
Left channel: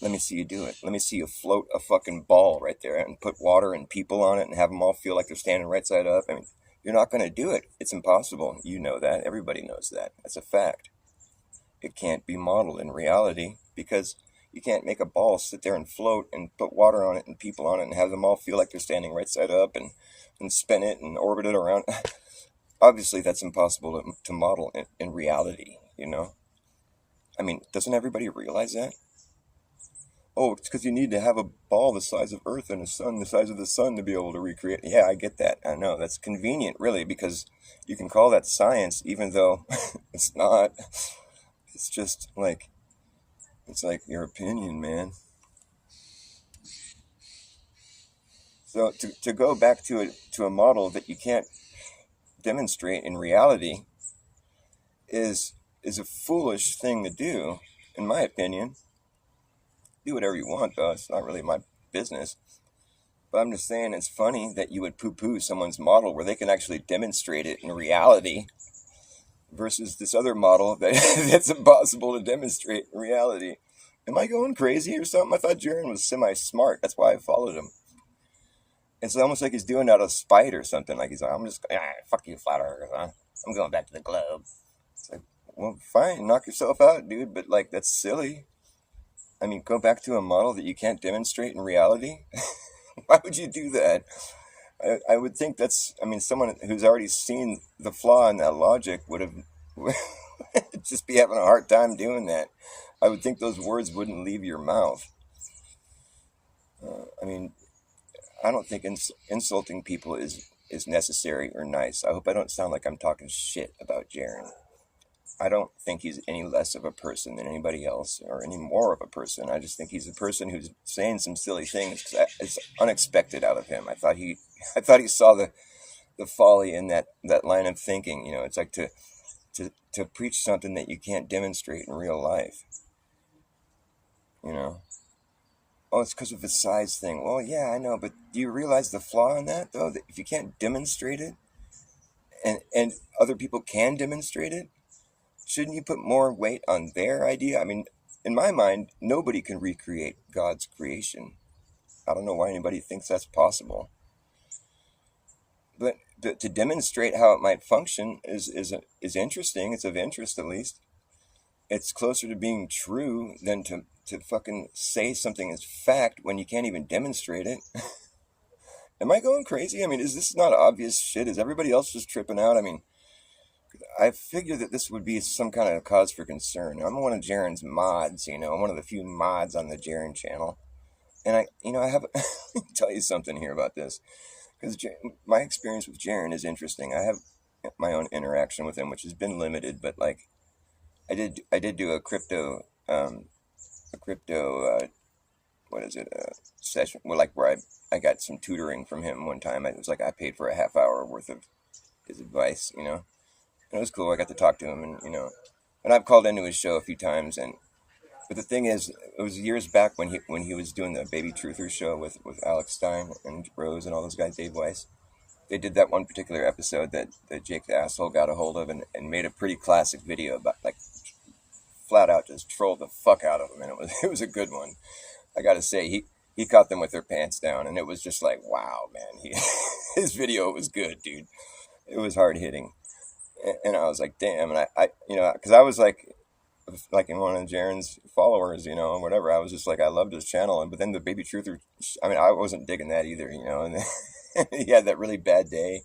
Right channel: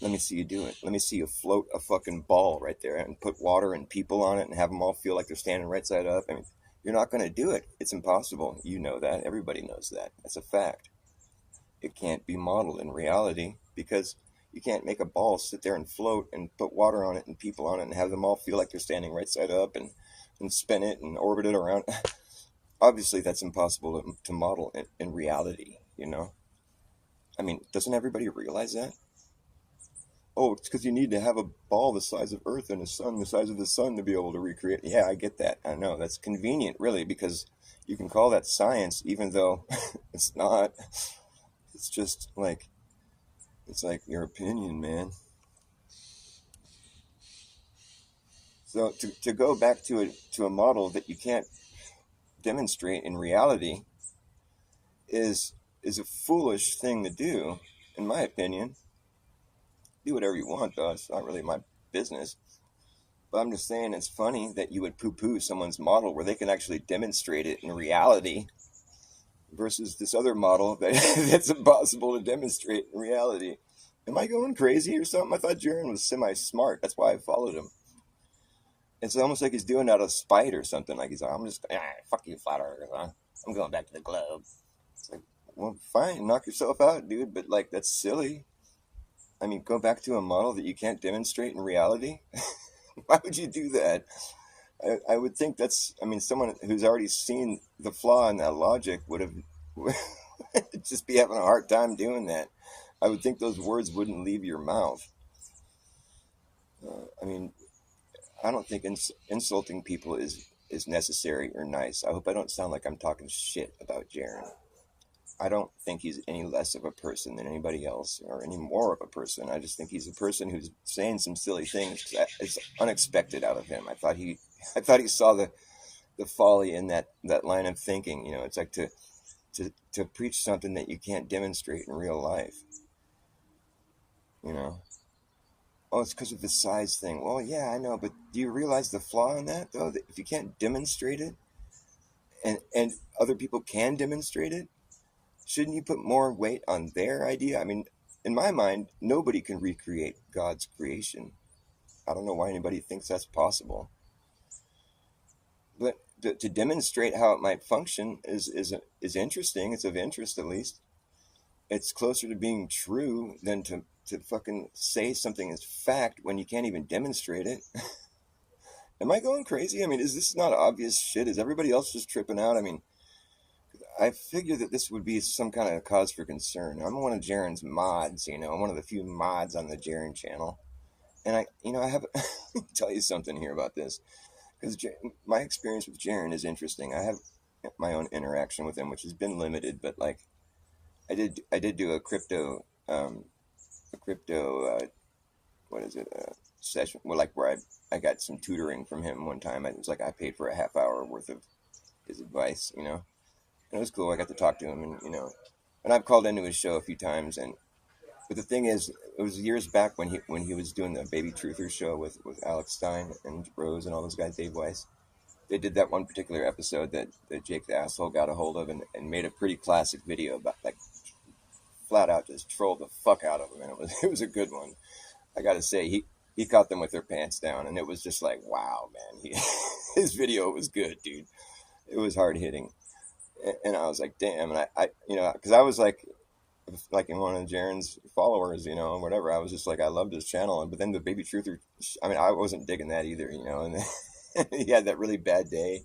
Let me see you do it. Let me see you float a fucking ball right there and put water and people on it and have them all feel like they're standing right side up. I mean, you're not going to do it. It's impossible. You know that. Everybody knows that. That's a fact. It can't be modeled in reality because you can't make a ball sit there and float and put water on it and people on it and have them all feel like they're standing right side up and spin it and orbit it around. Obviously, that's impossible to model in reality, I mean, doesn't everybody realize that? oh, it's because you need to have a ball the size of Earth and a sun the size of the sun to be able to recreate. Yeah, I get that. I know that's convenient, really, because you can call that science, even though it's not. It's just like it's like your opinion, man. So to go back to a model that you can't demonstrate in reality is a foolish thing to do, in my opinion. Do whatever you want, though. It's not really my business. But I'm just saying it's funny that you would poo-poo someone's model where they can actually demonstrate it in reality versus this other model that's impossible to demonstrate in reality. Am I going crazy or something? I thought Jaron was semi-smart. That's why I followed him. It's almost like he's doing it out of spite or something. Like he's like, I'm just, fuck you, flat earth, huh? I'm going back to the globe. It's like, well, fine, knock yourself out, dude. But like, that's silly. I mean, go back to a model that you can't demonstrate in reality. Why would you do that? I would think that's, I mean, someone who's already seen the flaw in that logic would have just be having a hard time doing that. I would think those words wouldn't leave your mouth. I mean, I don't think insulting people is necessary or nice. I hope I don't sound like I'm talking shit about Jaron. I don't think he's any less of a person than anybody else or any more of a person. I just think he's a person who's saying some silly things. It's unexpected out of him. I thought he saw the folly in that line of thinking. You know, it's like to preach something that you can't demonstrate in real life. You know, oh, it's because of the size thing. Well, yeah, I know, but do you realize the flaw in that though? That if you can't demonstrate it, and other people can demonstrate it, shouldn't you put more weight on their idea? I mean, in my mind, nobody can recreate God's creation. I don't know why anybody thinks that's possible. But to demonstrate how it might function is interesting. It's of interest, at least. It's closer to being true than to fucking say something is fact when you can't even demonstrate it. Am I going crazy? I mean, is this not obvious shit? Is everybody else just tripping out? I mean, I figured that this would be some kind of cause for concern. I'm one of Jaron's mods, you know. I'm one of the few mods on the Jaron channel. And I have, tell you something here about this. Because my experience with Jaron is interesting. I have my own interaction with him, which has been limited, but like, I did do a crypto, what is it, session, well, like where I got some tutoring from him one time. It was like I paid for a half hour worth of his advice, you know. And it was cool. I got to talk to him, and you know, and I've called into his show a few times. And but the thing is, it was years back when he was doing the Baby Truthers show with Alex Stein and Rose and all those guys, Dave Weiss. They did that one particular episode that Jake the Asshole got a hold of and made a pretty classic video about, like, flat out just trolled the fuck out of them, and it was a good one. I gotta say, he caught them with their pants down, and it was just like, wow, man, his video was good, dude. It was hard hitting. And I was like, damn. And I you know, because I was like in one of Jaron's followers, you know, and whatever. I was just like, I loved his channel. But then the Baby Truther, I mean, I wasn't digging that either, you know. And he had that really bad day.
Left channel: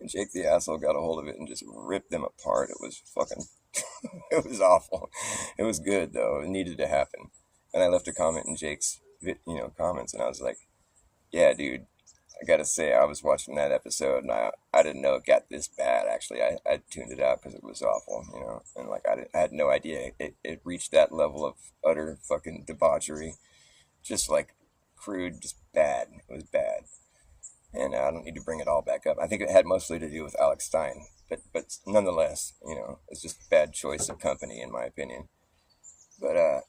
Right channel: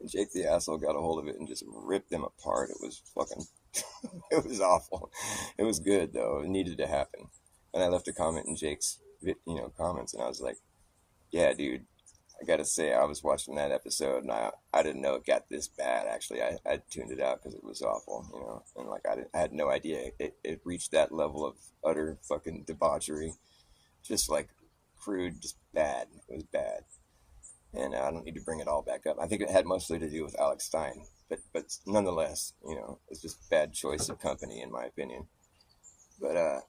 And Jake the Asshole got a hold of it and just ripped them apart. It was fucking, it was awful. It was good, though. It needed to happen. And I left a comment in Jake's, comments. And I was like, yeah, dude. I gotta say, I was watching that episode, and I didn't know it got this bad. Actually, I tuned it out because it was awful, you know. And like I had no idea it reached that level of utter fucking debauchery, just like crude, just bad. It was bad, and I don't need to bring it all back up. I think it had mostly to do with Alex Stein, but nonetheless, you know, it's just bad choice of company in my opinion. But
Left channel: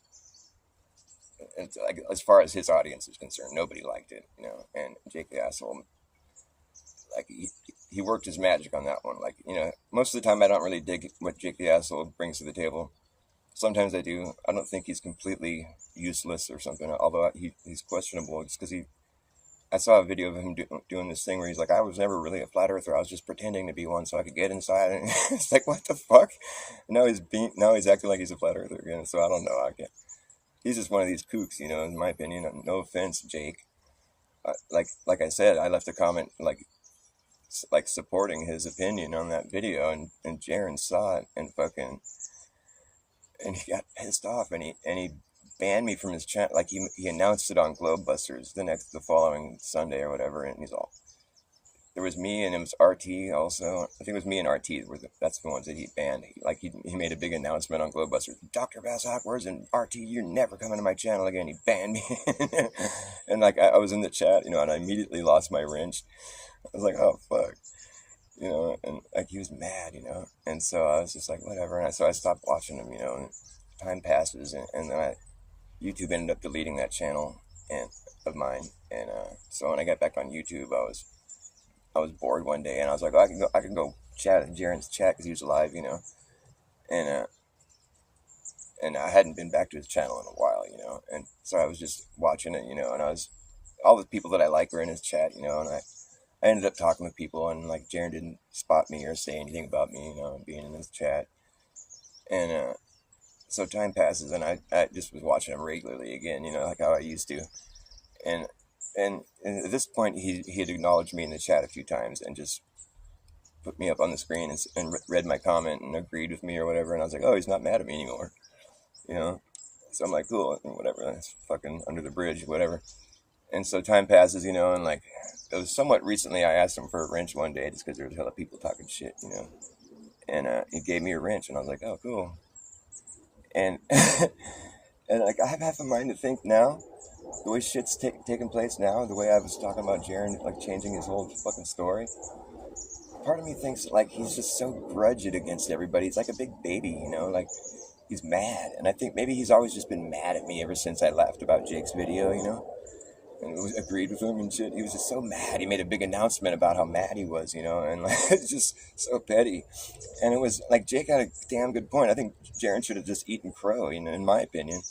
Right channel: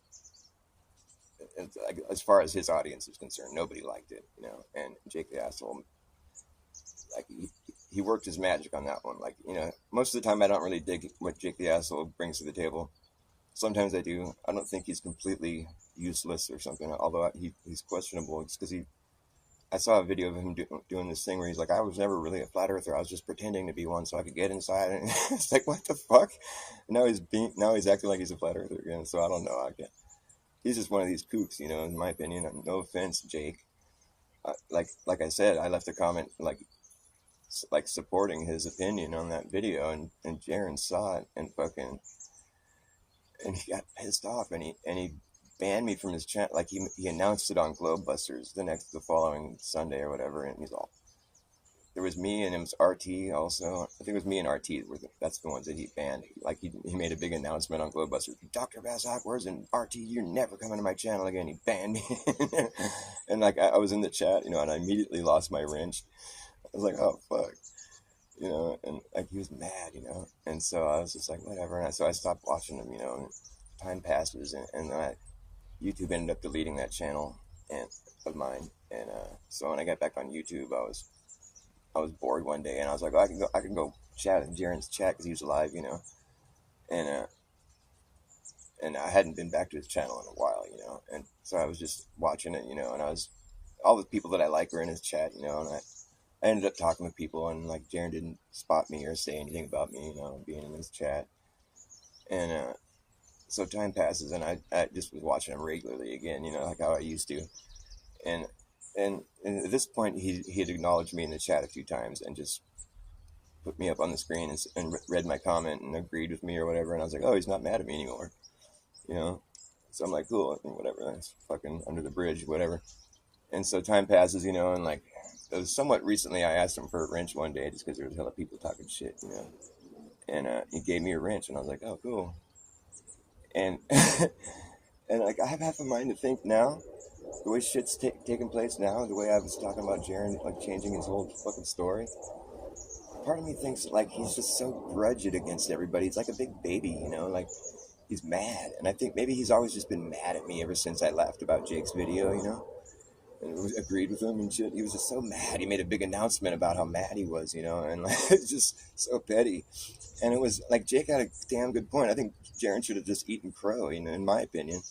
it's like, as far as his audience is concerned, nobody liked it, you know. And Jake the Asshole, like he worked his magic on that one. Like, you know, most of the time I don't really dig what Jake the Asshole brings to the table. Sometimes I do. I don't think he's completely useless or something. Although he's questionable, just because I saw a video of him doing this thing where he's like, I was never really a flat earther. I was just pretending to be one so I could get inside. And it's like, what the fuck? Now he's acting like he's a flat earther again. So I don't know. I can't. He's just one of these kooks, you know, in my opinion. No offense, Jake. Like I said, I left a comment like supporting his opinion on that video, and Jaron saw it and he got pissed off, and he banned me from his channel. Like he announced it on Globebusters the following Sunday or whatever, and he's all. There was me and it was RT also. I think it was me and RT. That's the ones that he banned. He made a big announcement on Globebusters. Dr. Bas Awkwards and RT, you're never coming to my channel again. He banned me. And like I was in the chat, you know, and I immediately lost my wrench. I was like, oh fuck. You know, and like he was mad, you know. And so I was just like, whatever. And so I stopped watching him, you know, and time passes and then YouTube ended up deleting that channel of mine. And so when I got back on YouTube, I was bored one day, and I was like, oh, I can go chat in Jaren's chat because he was alive, you know, and I hadn't been back to his channel in a while, you know, and so I was just watching it, you know, and all the people that I like were in his chat, you know, and I ended up talking with people, and like Jaren didn't spot me or say anything about me, you know, being in his chat, and so time passes, and I just was watching him regularly again, you know, like how I used to, and and at this point he had acknowledged me in the chat a few times and just put me up on the screen and read my comment and agreed with me or whatever, and I was like, oh, he's not mad at me anymore, you know. So I'm like, cool, whatever, that's fucking under the bridge, whatever. And so time passes, you know, and like it was somewhat recently I asked him for a wrench one day just because there was a hell of people talking shit, you know, and he gave me a wrench, and I was like, oh, cool. And and like I have half a mind to think now, the way shit's taking place now, the way I was talking about Jaren like changing his whole fucking story, part of me thinks like he's just so grudged against everybody. He's like a big baby, you know, like he's mad. And I think maybe he's always just been mad at me ever since I laughed about Jake's video, you know, and agreed with him and shit. He was just so mad. He made a big announcement about how mad he was, you know, and like it's just so petty. And it was like Jake had a damn good point. I think Jaren should have just eaten crow, you know, in my opinion.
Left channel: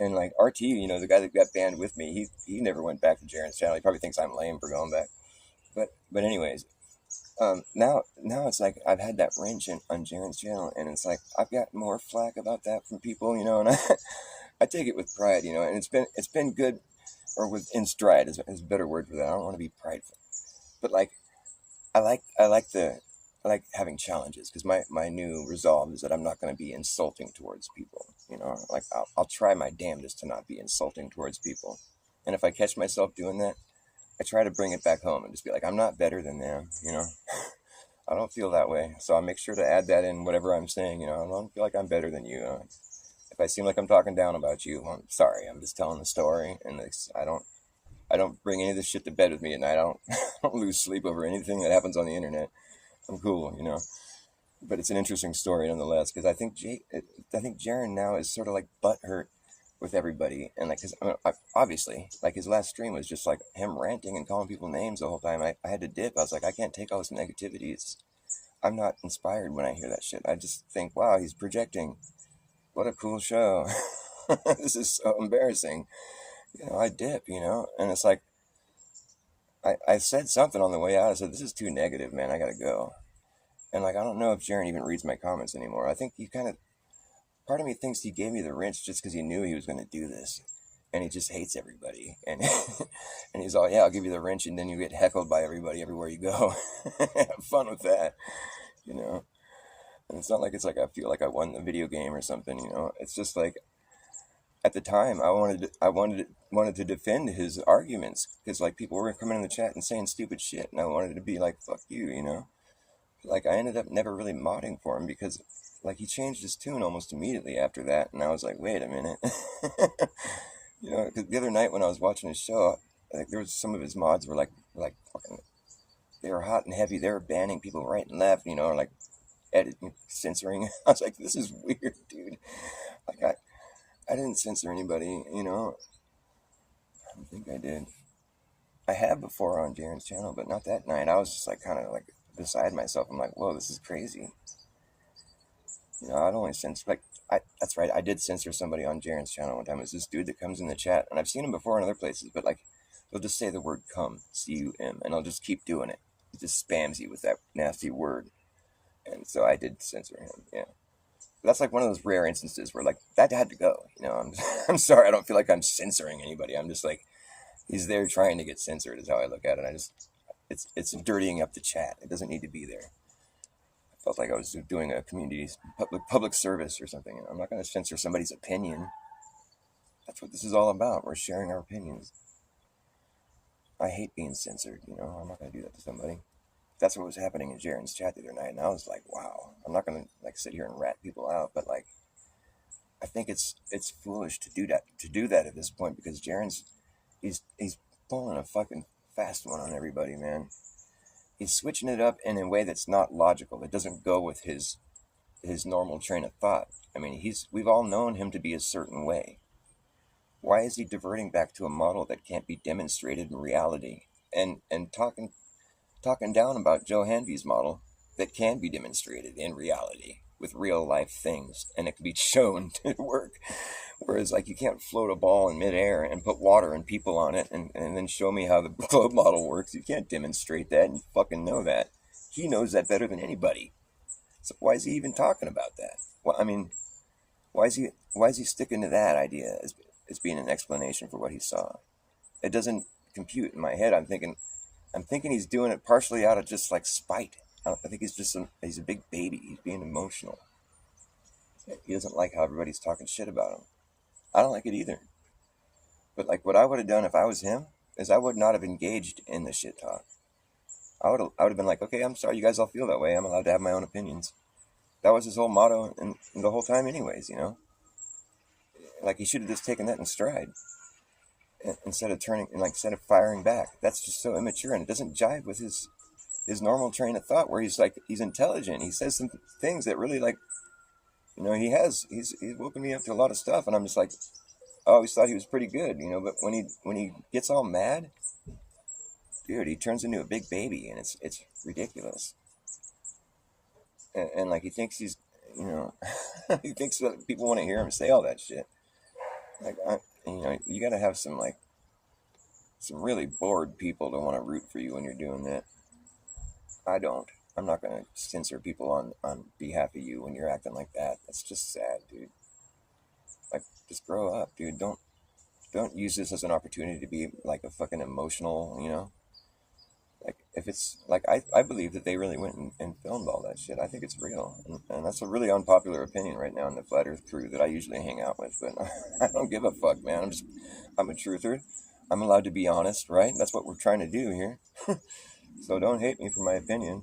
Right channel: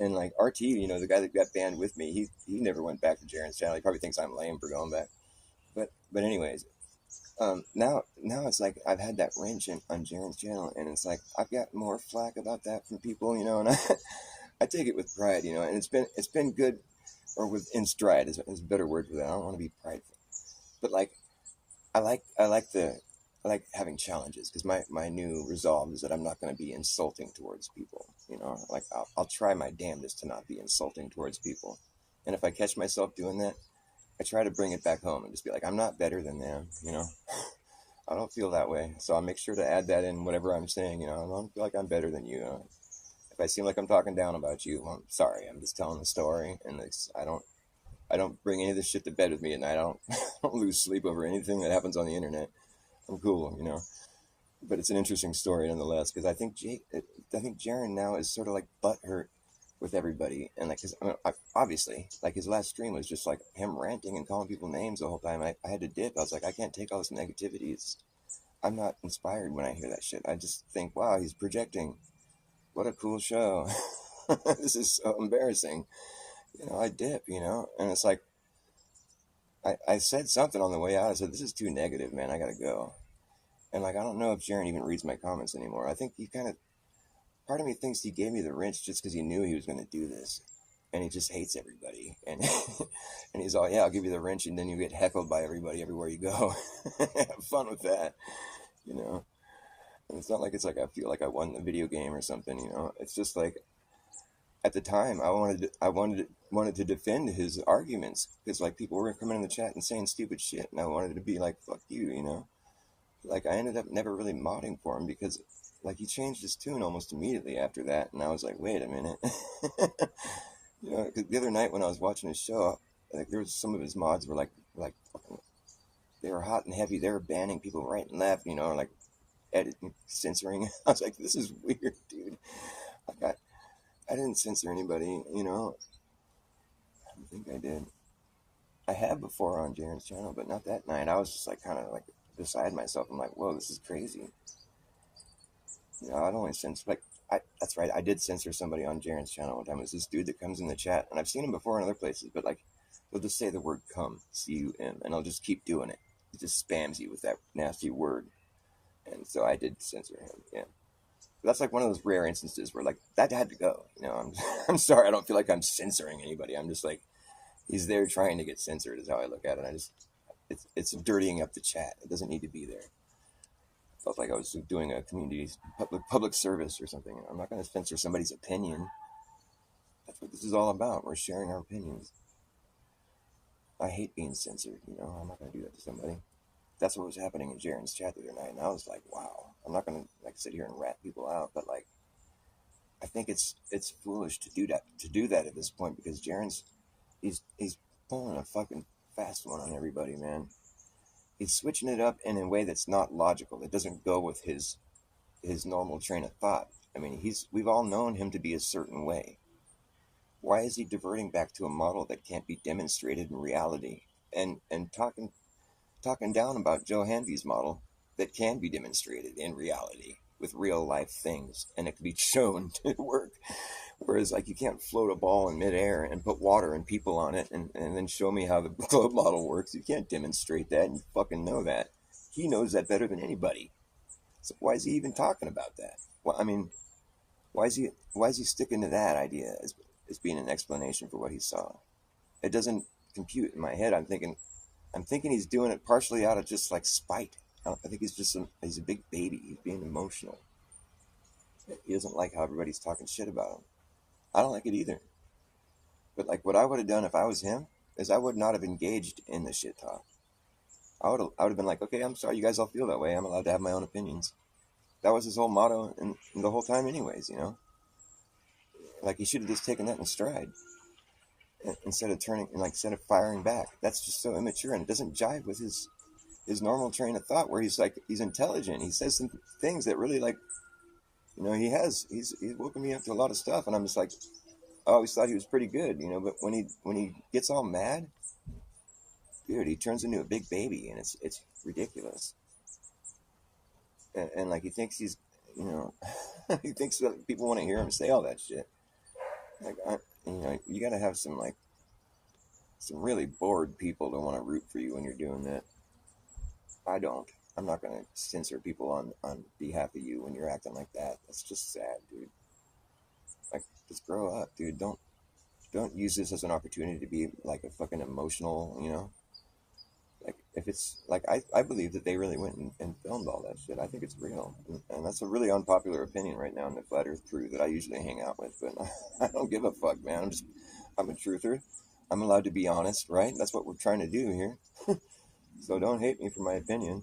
And like RT, you know, the guy that got banned with me, he never went back to Jaren's channel. He probably thinks I'm lame for going back. But anyways, now it's like I've had that wrench on Jaren's channel, and it's like I've got more flack about that from people, you know, and I take it with pride, you know, and it's been good, or with in stride is a better word for that. I don't want to be prideful, but like I like having challenges because my new resolve is that I'm not going to be insulting towards people, you know, like I'll try my damnedest to not be insulting towards people, and if I catch myself doing that, I try to bring it back home and just be like, I'm not better than them, you know. I don't feel that way, so I make sure to add that in whatever I'm saying. You know, I don't feel like I'm better than you. If I seem like I'm talking down about you, well, I'm sorry. I'm just telling the story, and I don't bring any of this shit to bed with me at night. I don't lose sleep over anything that happens on the internet. I'm cool, you know. But it's an interesting story nonetheless because I think Jaren now is sort of like butthurt with everybody, and like, cause obviously, like his last stream was just like him ranting and calling people names the whole time. I had to dip. I was like, I can't take all this negativity. I'm not inspired when I hear that shit. I just think, wow, he's projecting. What a cool show. This is so embarrassing. You know, I dip, you know, and it's like I said something on the way out. I said, this is too negative, man. I gotta go. And like I don't know if Jaren even reads my comments anymore. I think he kind of part of me thinks he gave me the wrench just because he knew he was going to do this, and he just hates everybody. And and he's all, yeah, I'll give you the wrench, and then you get heckled by everybody everywhere you go. Have fun with that, you know. And it's not like it's like I feel like I won the video game or something, you know. It's just like at the time I wanted to defend his arguments because like people were coming in the chat and saying stupid shit, and I wanted to be like, fuck you, you know. Like I ended up never really modding for him because like he changed his tune almost immediately after that, and I was like, wait a minute. You know, because the other night when I was watching his show, like there was some of his mods were like fucking, they were hot and heavy. They were banning people right and left, you know, like editing, censoring. I was like, this is weird, dude. Like I didn't censor anybody, you know. I don't think I did. I have before on Jaren's channel, but not that night. I was just like kind of like beside myself. I'm like, whoa, this is crazy. You know, I'd only censor, like, that's right, I did censor somebody on Jaren's channel one time. It's this dude that comes in the chat, and I've seen him before in other places, but, like, he'll just say the word come, C-U-M, and I'll just keep doing it. He just spams you with that nasty word. And so I did censor him, yeah. But that's, like, one of those rare instances where, like, that had to go, you know. I'm sorry, I don't feel like I'm censoring anybody. I'm just, like, he's there trying to get censored is how I look at it. It's dirtying up the chat. It doesn't need to be there. Felt like I was doing a community public service or something. I'm not going to censor somebody's opinion. That's what this is all about. We're sharing our opinions. I hate being censored, you know. I'm not going to do that to somebody. That's what was happening in Jaren's chat the other night, and I was like, wow. I'm not going to like sit here and rat people out, but like, I think it's foolish to do that at this point, because Jaren's he's pulling a fucking fast one on everybody, man. He's switching it up in a way that's not logical. It doesn't go with his normal train of thought. I mean, we've all known him to be a certain way. Why is he diverting back to a model that can't be demonstrated in reality, and talking down about Joe Hanvey's model that can be demonstrated in reality with real life things, and it can be shown to work? Whereas, like, you can't float a ball in midair and put water and people on it and then show me how the globe model works. You can't demonstrate that, and you fucking know that. He knows that better than anybody. So why is he even talking about that? Well, I mean, why is he sticking to that idea as being an explanation for what he saw? It doesn't compute in my head. I'm thinking he's doing it partially out of just like spite. I think he's a big baby. He's being emotional. He doesn't like how everybody's talking shit about him. I don't like it either. But like, what I would have done if I was him is I would not have engaged in the shit talk. I would have been like, okay, I'm sorry you guys all feel that way. I'm allowed to have my own opinions. That was his whole motto and the whole time anyways, you know? Like, he should have just taken that in stride instead of firing back. That's just so immature, and it doesn't jive with his normal train of thought, where he's intelligent. He says some things that really, like, you know, he's woken me up to a lot of stuff, and I'm just like, I always thought he was pretty good, you know, but when he gets all mad, dude, he turns into a big baby, and it's ridiculous. And like, he thinks he's, you know, he thinks that people want to hear him say all that shit. Like, you know, you gotta have some really bored people to want to root for you when you're doing that. I don't. I'm not gonna censor people on behalf of you when you're acting like that. That's just sad, dude. Like, just grow up, dude. Don't use this as an opportunity to be like a fucking emotional, you know. Like, if it's like, I believe that they really went and filmed all that shit. I think it's real, and that's a really unpopular opinion right now in the flat earth crew that I usually hang out with, but I don't give a fuck, man. I'm a truther. I'm allowed to be honest, right? That's what we're trying to do here. So don't hate me for my opinion.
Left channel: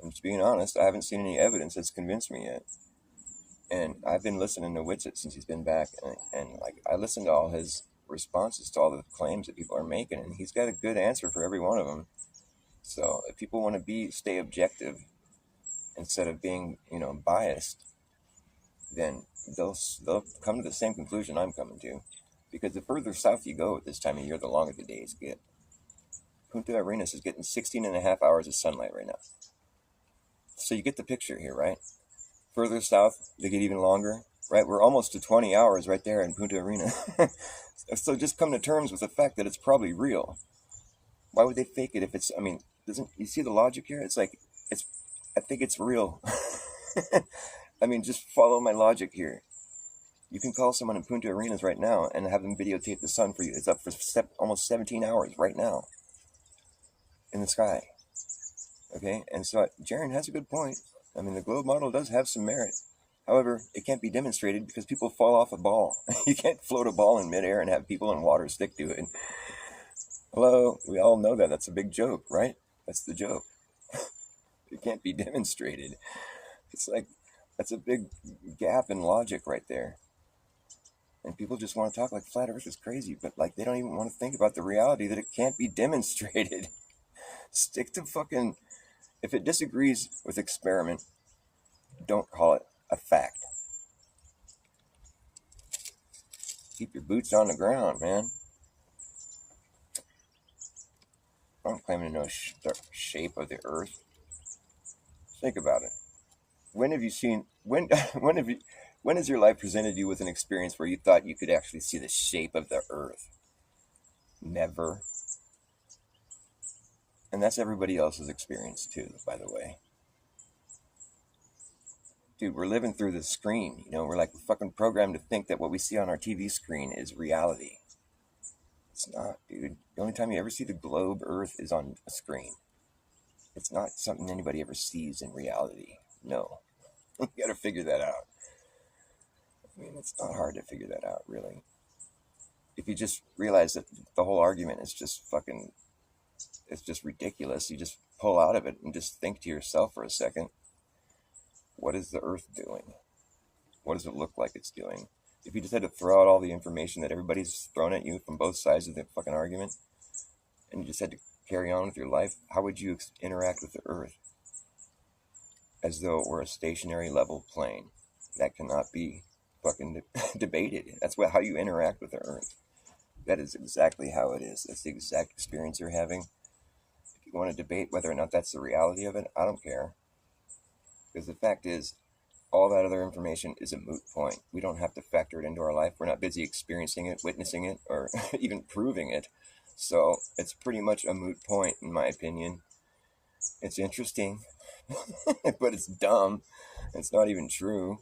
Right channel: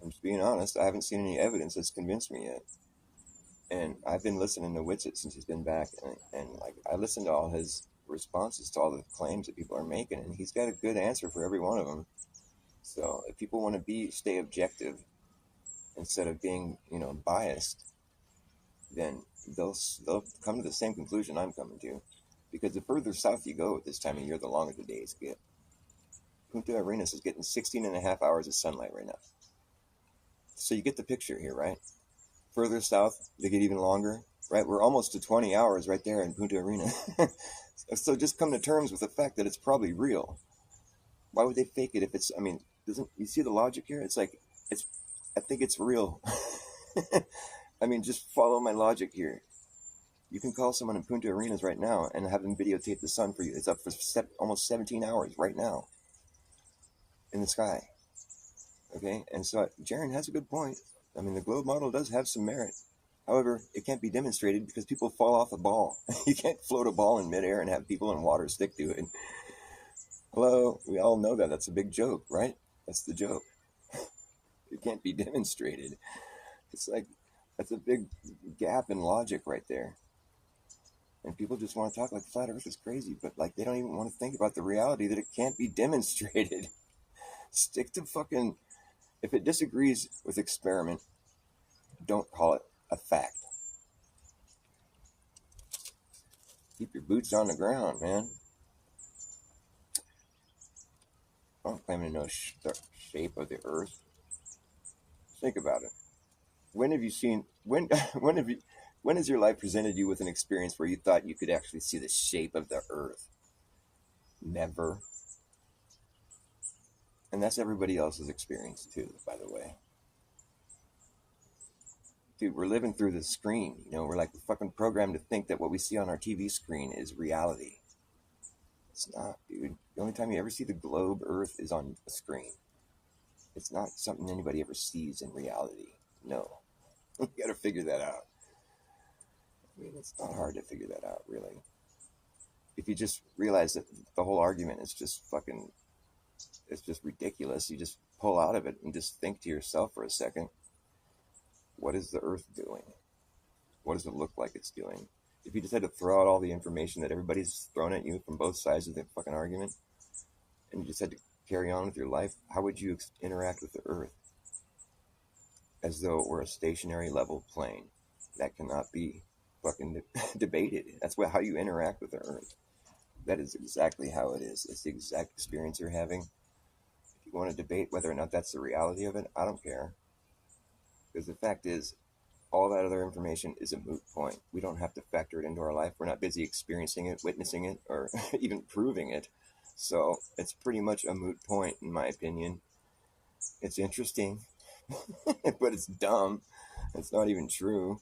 I'm just being honest. I haven't seen any evidence that's convinced me yet, and I've been listening to Witsit since he's been back, and like, I listened to all his responses to all the claims that people are making, and he's got a good answer for every one of them. So if people want to stay objective instead of being, you know, biased, then they'll come to the same conclusion I'm coming to. Because the further south you go at this time of year, the longer the days get. Punta Arenas is getting 16 and a half hours of sunlight right now. So you get the picture here, right? Further south, they get even longer, right? We're almost to 20 hours right there in Punta Arena. So just come to terms with the fact that it's probably real. Why would they fake it if it's, I mean, doesn't you see the logic here? It's like, I think it's real. I mean, just follow my logic here. You can call someone in Punta Arenas right now and have them videotape the sun for you. It's up for almost 17 hours right now in the sky. Okay, and so Jaren has a good point. I mean, the globe model does have some merit. However, it can't be demonstrated because people fall off a ball. You can't float a ball in midair and have people in water stick to it. Hello, we all know that. That's a big joke, right? That's the joke. It can't be demonstrated. It's like, that's a big gap in logic right there. And people just want to talk like flat earth is crazy, but like, they don't even want to think about the reality that it can't be demonstrated. Stick to fucking, if it disagrees with experiment, don't call it a fact. Keep your boots on the ground, man. I don't claim to know the shape of the earth. Think about it. When have you seen, when has your life presented you with an experience where you thought you could actually see the shape of the earth? Never. And that's everybody else's experience too, by the way. Dude, we're living through the screen. You know, we're like fucking programmed to think that what we see on our TV screen is reality. It's not, dude. The only time you ever see the globe earth is on a screen. It's not something anybody ever sees in reality. No. You gotta figure that out. I mean, it's not hard to figure that out, really. if you just realize that the whole argument is just fucking, it's just ridiculous, you just pull out of it and just think to yourself for a second, what is the earth doing? What does it look like it's doing? If you just had to throw out all the information that everybody's thrown at you from both sides of the fucking argument, and you just had to carry on with your life, how would you interact with the earth? As though it were a stationary level plane that cannot be fucking debated. That's how you interact with the earth. That is exactly how it is. That's the exact experience you're having. If you want to debate whether or not that's the reality of it, I don't care. Because the fact is, all that other information is a moot point. We don't have to factor it into our life. We're not busy experiencing it, witnessing it, or even proving it. So it's pretty much a moot point, in my opinion. It's interesting, but it's dumb. It's not even true.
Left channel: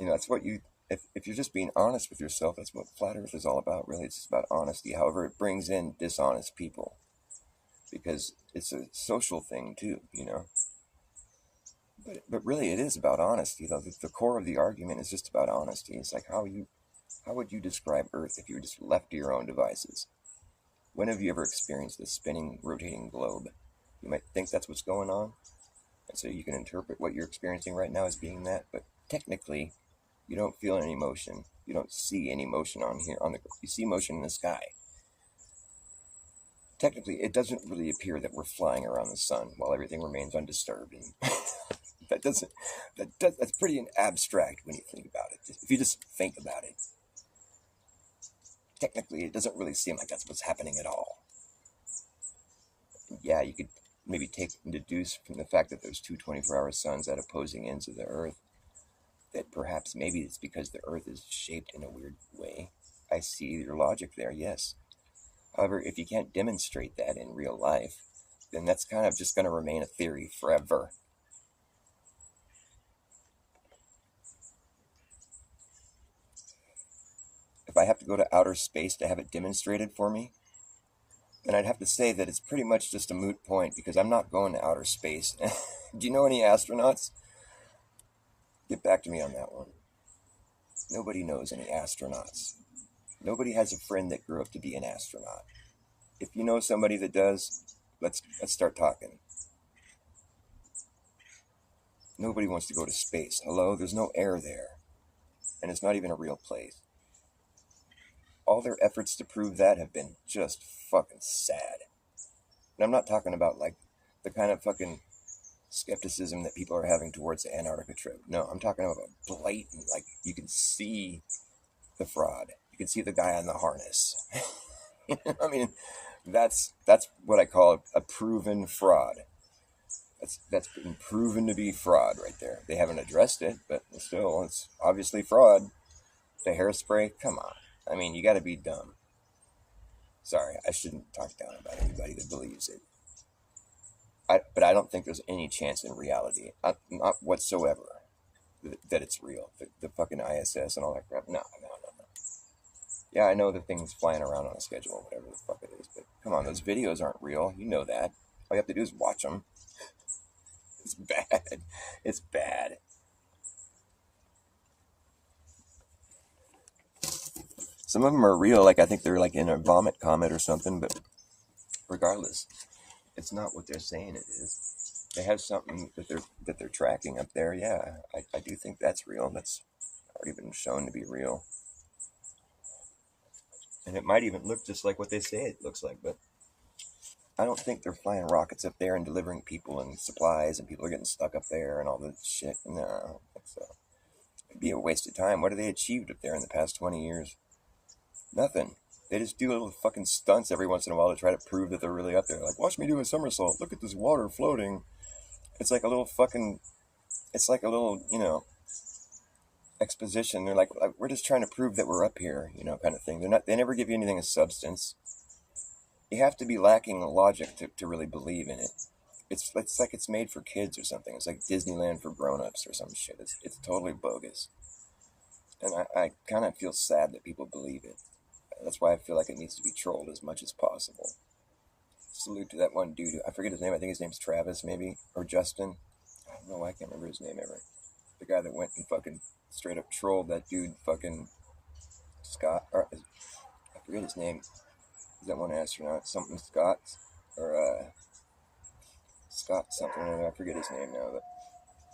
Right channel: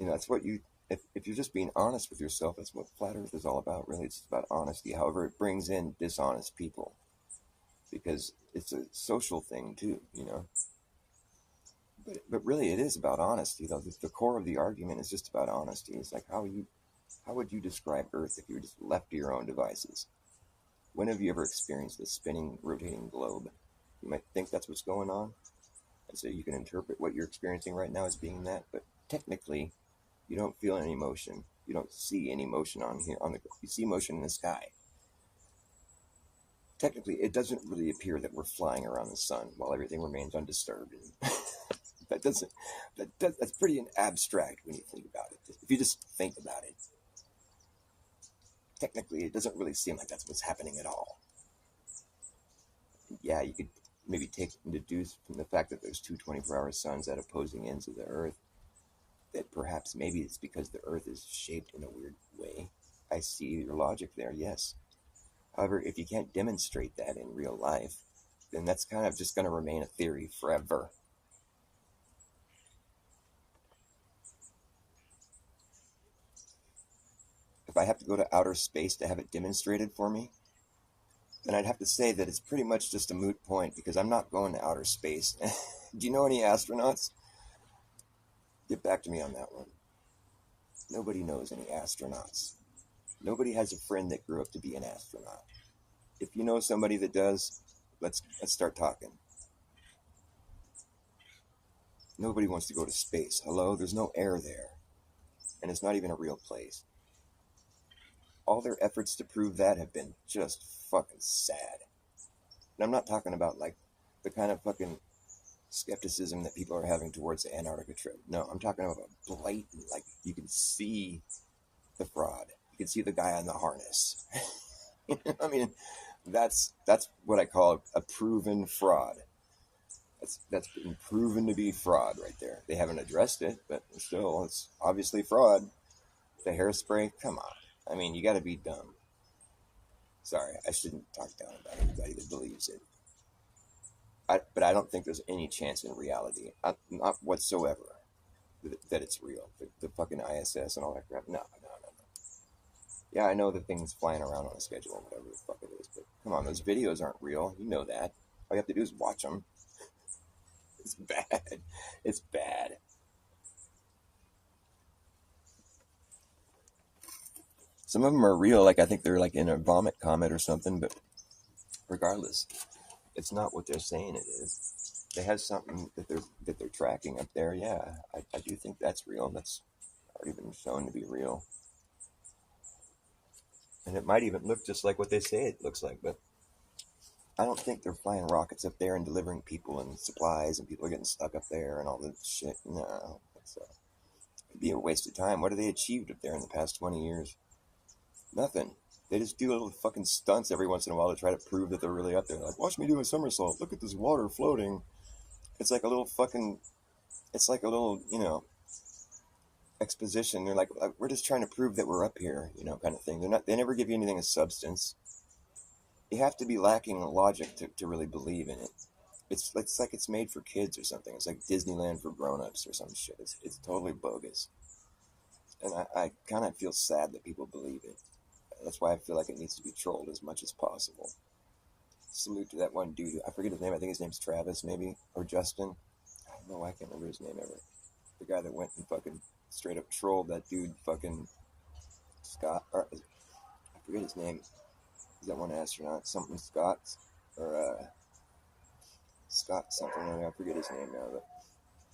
You know, that's what you, if you're just being honest with yourself, that's what Flat Earth is all about, really. It's just about honesty. However, it brings in dishonest people because it's a social thing too, you know. But really, it is about honesty, though. The core of the argument is just about honesty. It's like how would you describe Earth if you were just left to your own devices? When have you ever experienced a spinning, rotating globe? You might think that's what's going on, and so you can interpret what you're experiencing right now as being that. But technically, you don't feel any motion. You don't see any motion on here. You see motion in the sky. Technically, it doesn't really appear that we're flying around the sun while everything remains undisturbed. And that's pretty abstract when you think about it. If you just think about it, technically, it doesn't really seem like that's what's happening at all. Yeah, you could maybe deduce from the fact that there's two 24-hour suns at opposing ends of the Earth that perhaps maybe it's because the Earth is shaped in a weird way. I see your logic there, yes. However, if you can't demonstrate that in real life, then that's kind of just going to remain a theory forever. If I have to go to outer space to have it demonstrated for me, then I'd have to say that it's pretty much just a moot point because I'm not going to outer space. Do you know any astronauts? Get back to me on that one. Nobody knows any astronauts. Nobody has a friend that grew up to be an astronaut. If you know somebody that does, let's start talking. Nobody wants to go to space. Hello? There's no air there. And it's not even a real place. All their efforts to prove that have been just fucking sad. And I'm not talking about like the kind of fucking skepticism that people are having towards the Antarctica trip. No, I'm talking about blatant, like you can see the fraud. You can see the guy on the harness. I mean, that's what I call a proven fraud. That's been proven to be fraud right there. They haven't addressed it, but still, it's obviously fraud. The hairspray, come on. I mean, you got to be dumb. Sorry, I shouldn't talk down about anybody that believes it. But I don't think there's any chance in reality, not whatsoever, that it's real. The fucking ISS and all that crap. No. Yeah, I know the thing's flying around on a schedule, whatever the fuck it is. But come on, those videos aren't real. You know that. All you have to do is watch them. It's bad. It's bad. Some of them are real, like I think they're like in a vomit comet or something, but regardless, it's not what they're saying it is. They have something that they're tracking up there. Yeah, I do think that's real. That's already been shown to be real. And it might even look just like what they say it looks like, but I don't think they're flying rockets up there and delivering people and supplies and people are getting stuck up there and all this shit. No, it'd be a waste of time. What have they achieved up there in the past 20 years? Nothing. They just do little fucking stunts every once in a while to try to prove that they're really up there. Like, watch me do a somersault. Look at this water floating. It's like a little, you know, exposition. They're like, we're just trying to prove that we're up here, you know, kind of thing. They never give you anything of substance. You have to be lacking logic to really believe in it. It's like it's made for kids or something. It's like Disneyland for grown-ups or some shit. It's totally bogus. And I kind of feel sad that people believe it. That's why I feel like it needs to be trolled as much as possible. Salute to that one dude. I forget his name. I think his name's Travis, maybe. Or Justin. I don't know. I can't remember his name ever. The guy that went and fucking straight up trolled that dude, fucking Scott. forget his name. Is that one astronaut? Something Scott? Or, Scott something. I forget his name now.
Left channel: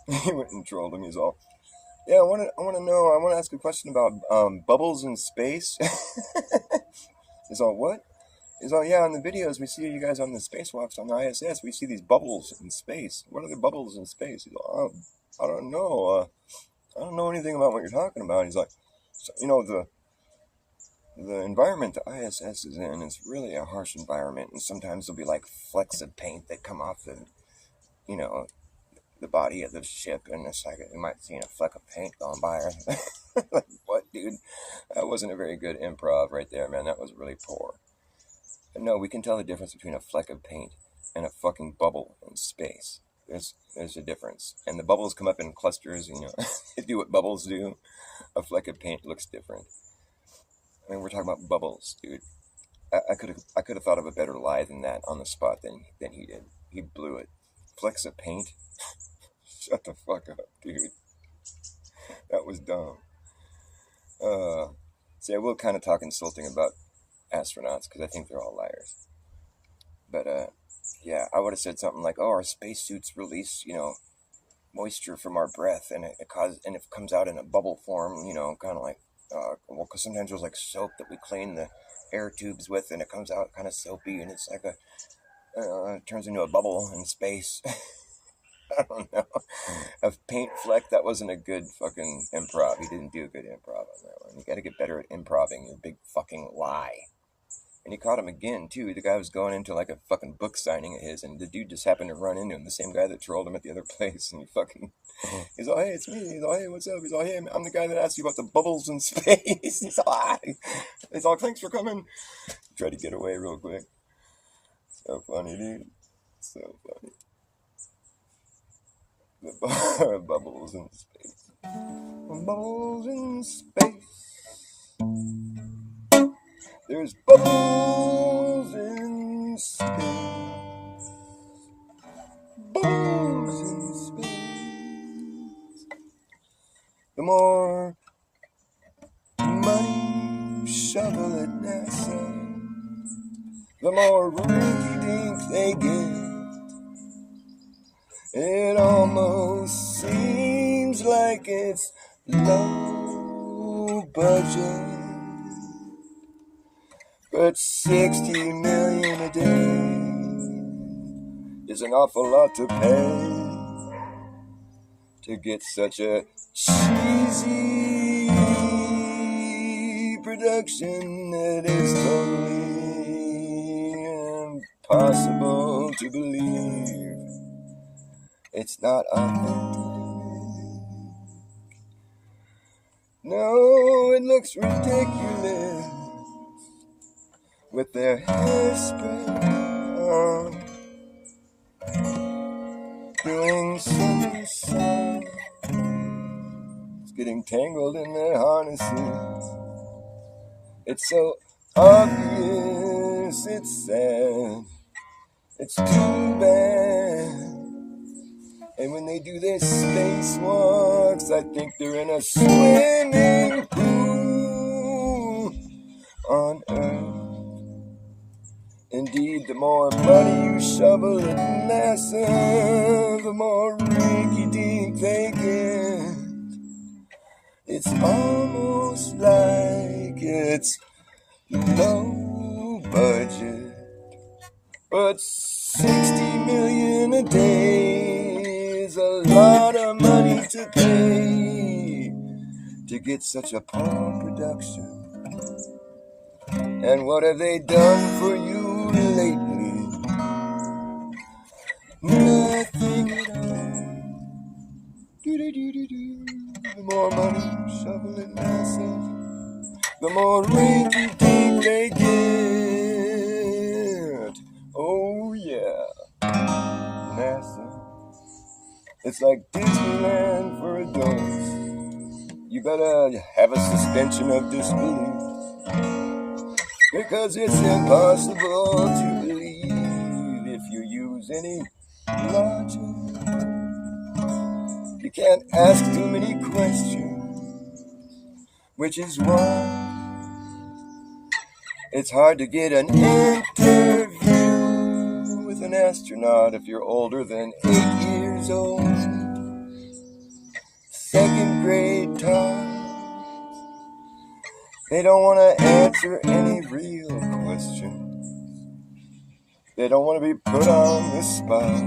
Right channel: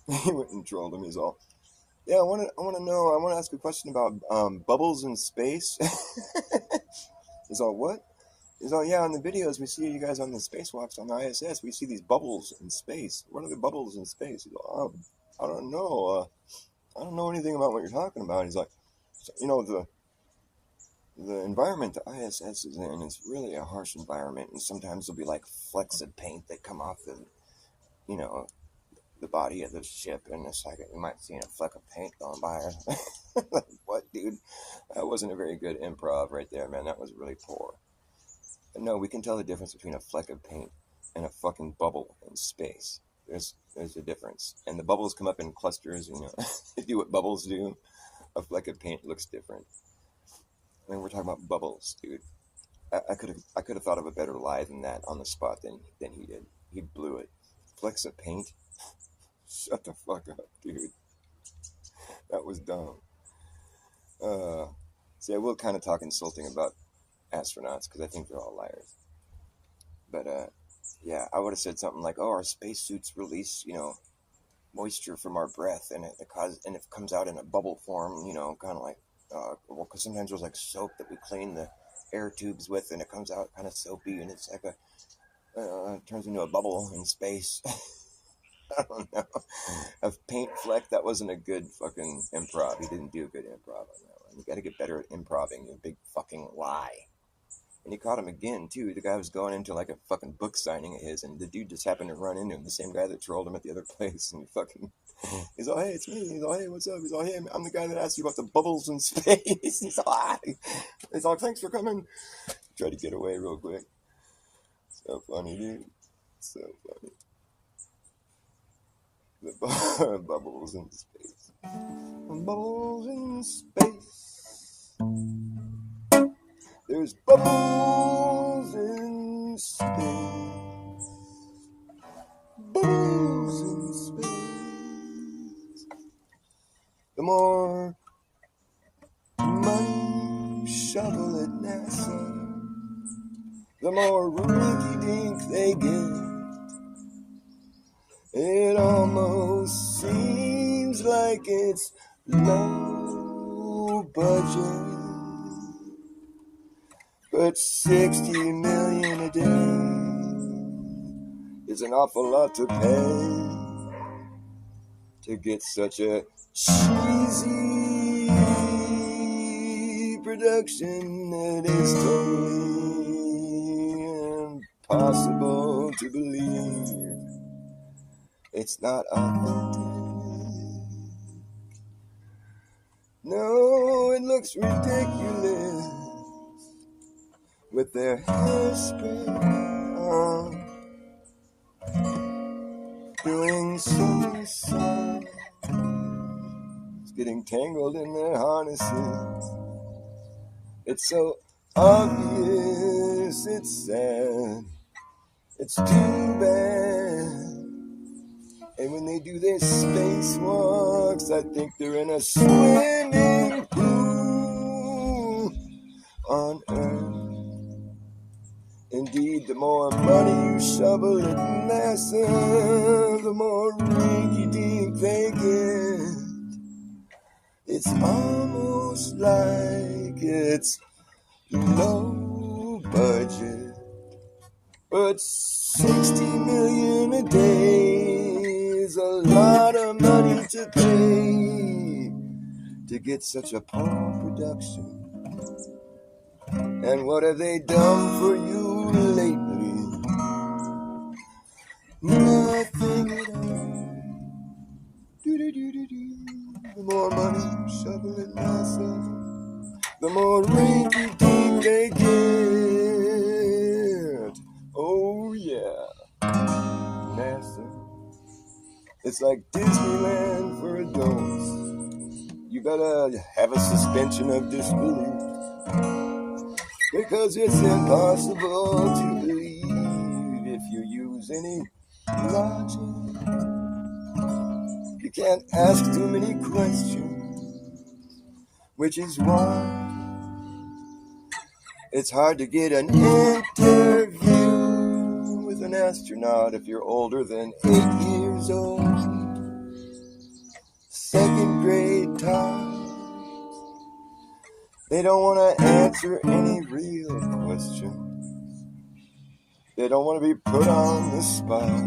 But he went and trolled him. He's all, yeah, I want to ask a question about bubbles in space. He's all, what? He's all, yeah, on the videos we see you guys on the spacewalks on the ISS, we see these bubbles in space. What are the bubbles in space? He's all, I don't know. I don't know anything about what you're talking about. He's like, so, the environment the ISS is in is really a harsh environment, and sometimes there'll be like flecks of paint that come off the body of the ship, and it's like you might see a fleck of paint going by. Like, what, dude? That wasn't a very good improv right there, man. That was really poor. But no, we can tell the difference between a fleck of paint and a fucking bubble in space. There's a difference, and the bubbles come up in clusters. They do what bubbles do. A fleck of paint looks different. I mean, we're talking about bubbles, dude. I could have thought of a better lie than that on the spot than he did. He blew it. Flecks of paint. Shut the fuck up, dude. That was dumb. See, I will kind of talk insulting about astronauts because I think they're all liars. But yeah, I would have said something like, "Oh, our spacesuits release, moisture from our breath, and it comes out in a bubble form, kind of like, well, because sometimes there's like soap that we clean the air tubes with, and it comes out kind of soapy, and it's like it turns into a bubble in space." I don't know. A paint fleck, that wasn't a good fucking improv. He didn't do a good improv on that one. You gotta get better at improving, you big fucking lie. And he caught him again, too. The guy was going into like a fucking book signing of his, and the dude just happened to run into him, the same guy that trolled him at the other place, and he's all, hey, it's me. He's all, hey, what's up? He's all, hey, I'm the guy that asked you about the bubbles in space. He's all, thanks for coming. Try to get away real quick. So funny, dude. So funny. The bubbles in space. Bubbles in space. There's bubbles in space. Bubbles in space. The more money you shovel at NASA, the more rinky-dink they get. It almost seems like it's low budget, but 60 million a day is an awful lot to pay to get such a cheesy production that is totally impossible to believe. It's not authentic. No, it looks ridiculous with their hairspray on, doing silly songs, getting tangled in their harnesses. It's so obvious, it's sad, it's too bad. And when they do their spacewalks, I think they're in a swimming pool on Earth. Indeed, the more money you shovel at NASA, the more rinky-dink they get. It's almost like it's low budget, but 60 million a day is a lot of money to pay to get such a poor production. And what have they done for you lately? Nothing at all. Do-do-do-do-do. The more money you shovel at NASA, the more rinky-dink they get. Oh yeah, NASA. It's like Disneyland for adults. You better have a suspension of disbelief, because it's impossible to believe if you use any logic. You can't ask too many questions, which is why It's hard to get an interview with an astronaut if you're older than 8 years old. Second grade talk. They don't want to answer any real questions. They don't want to be put on the spot.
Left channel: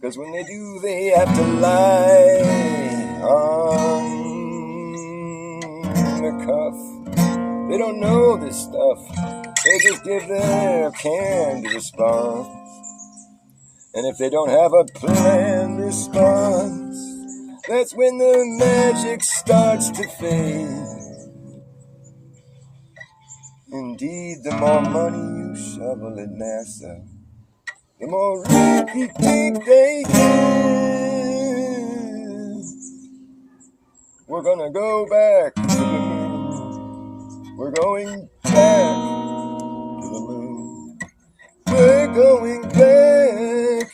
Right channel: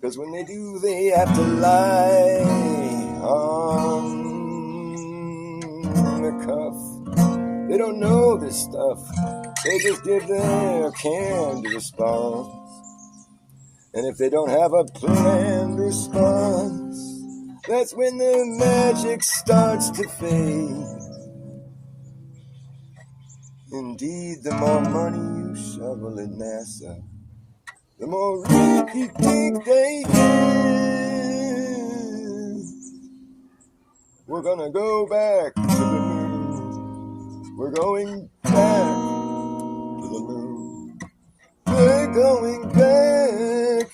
'Cause when they do, they have to lie on the cuff. They don't know this stuff. They just give their canned response. And if they don't have a planned response, that's when the magic starts to fade. Indeed, the more money you shovel at NASA, the more rinky-dink they give. We're gonna go back to the moon. We're going back to the moon. We're going back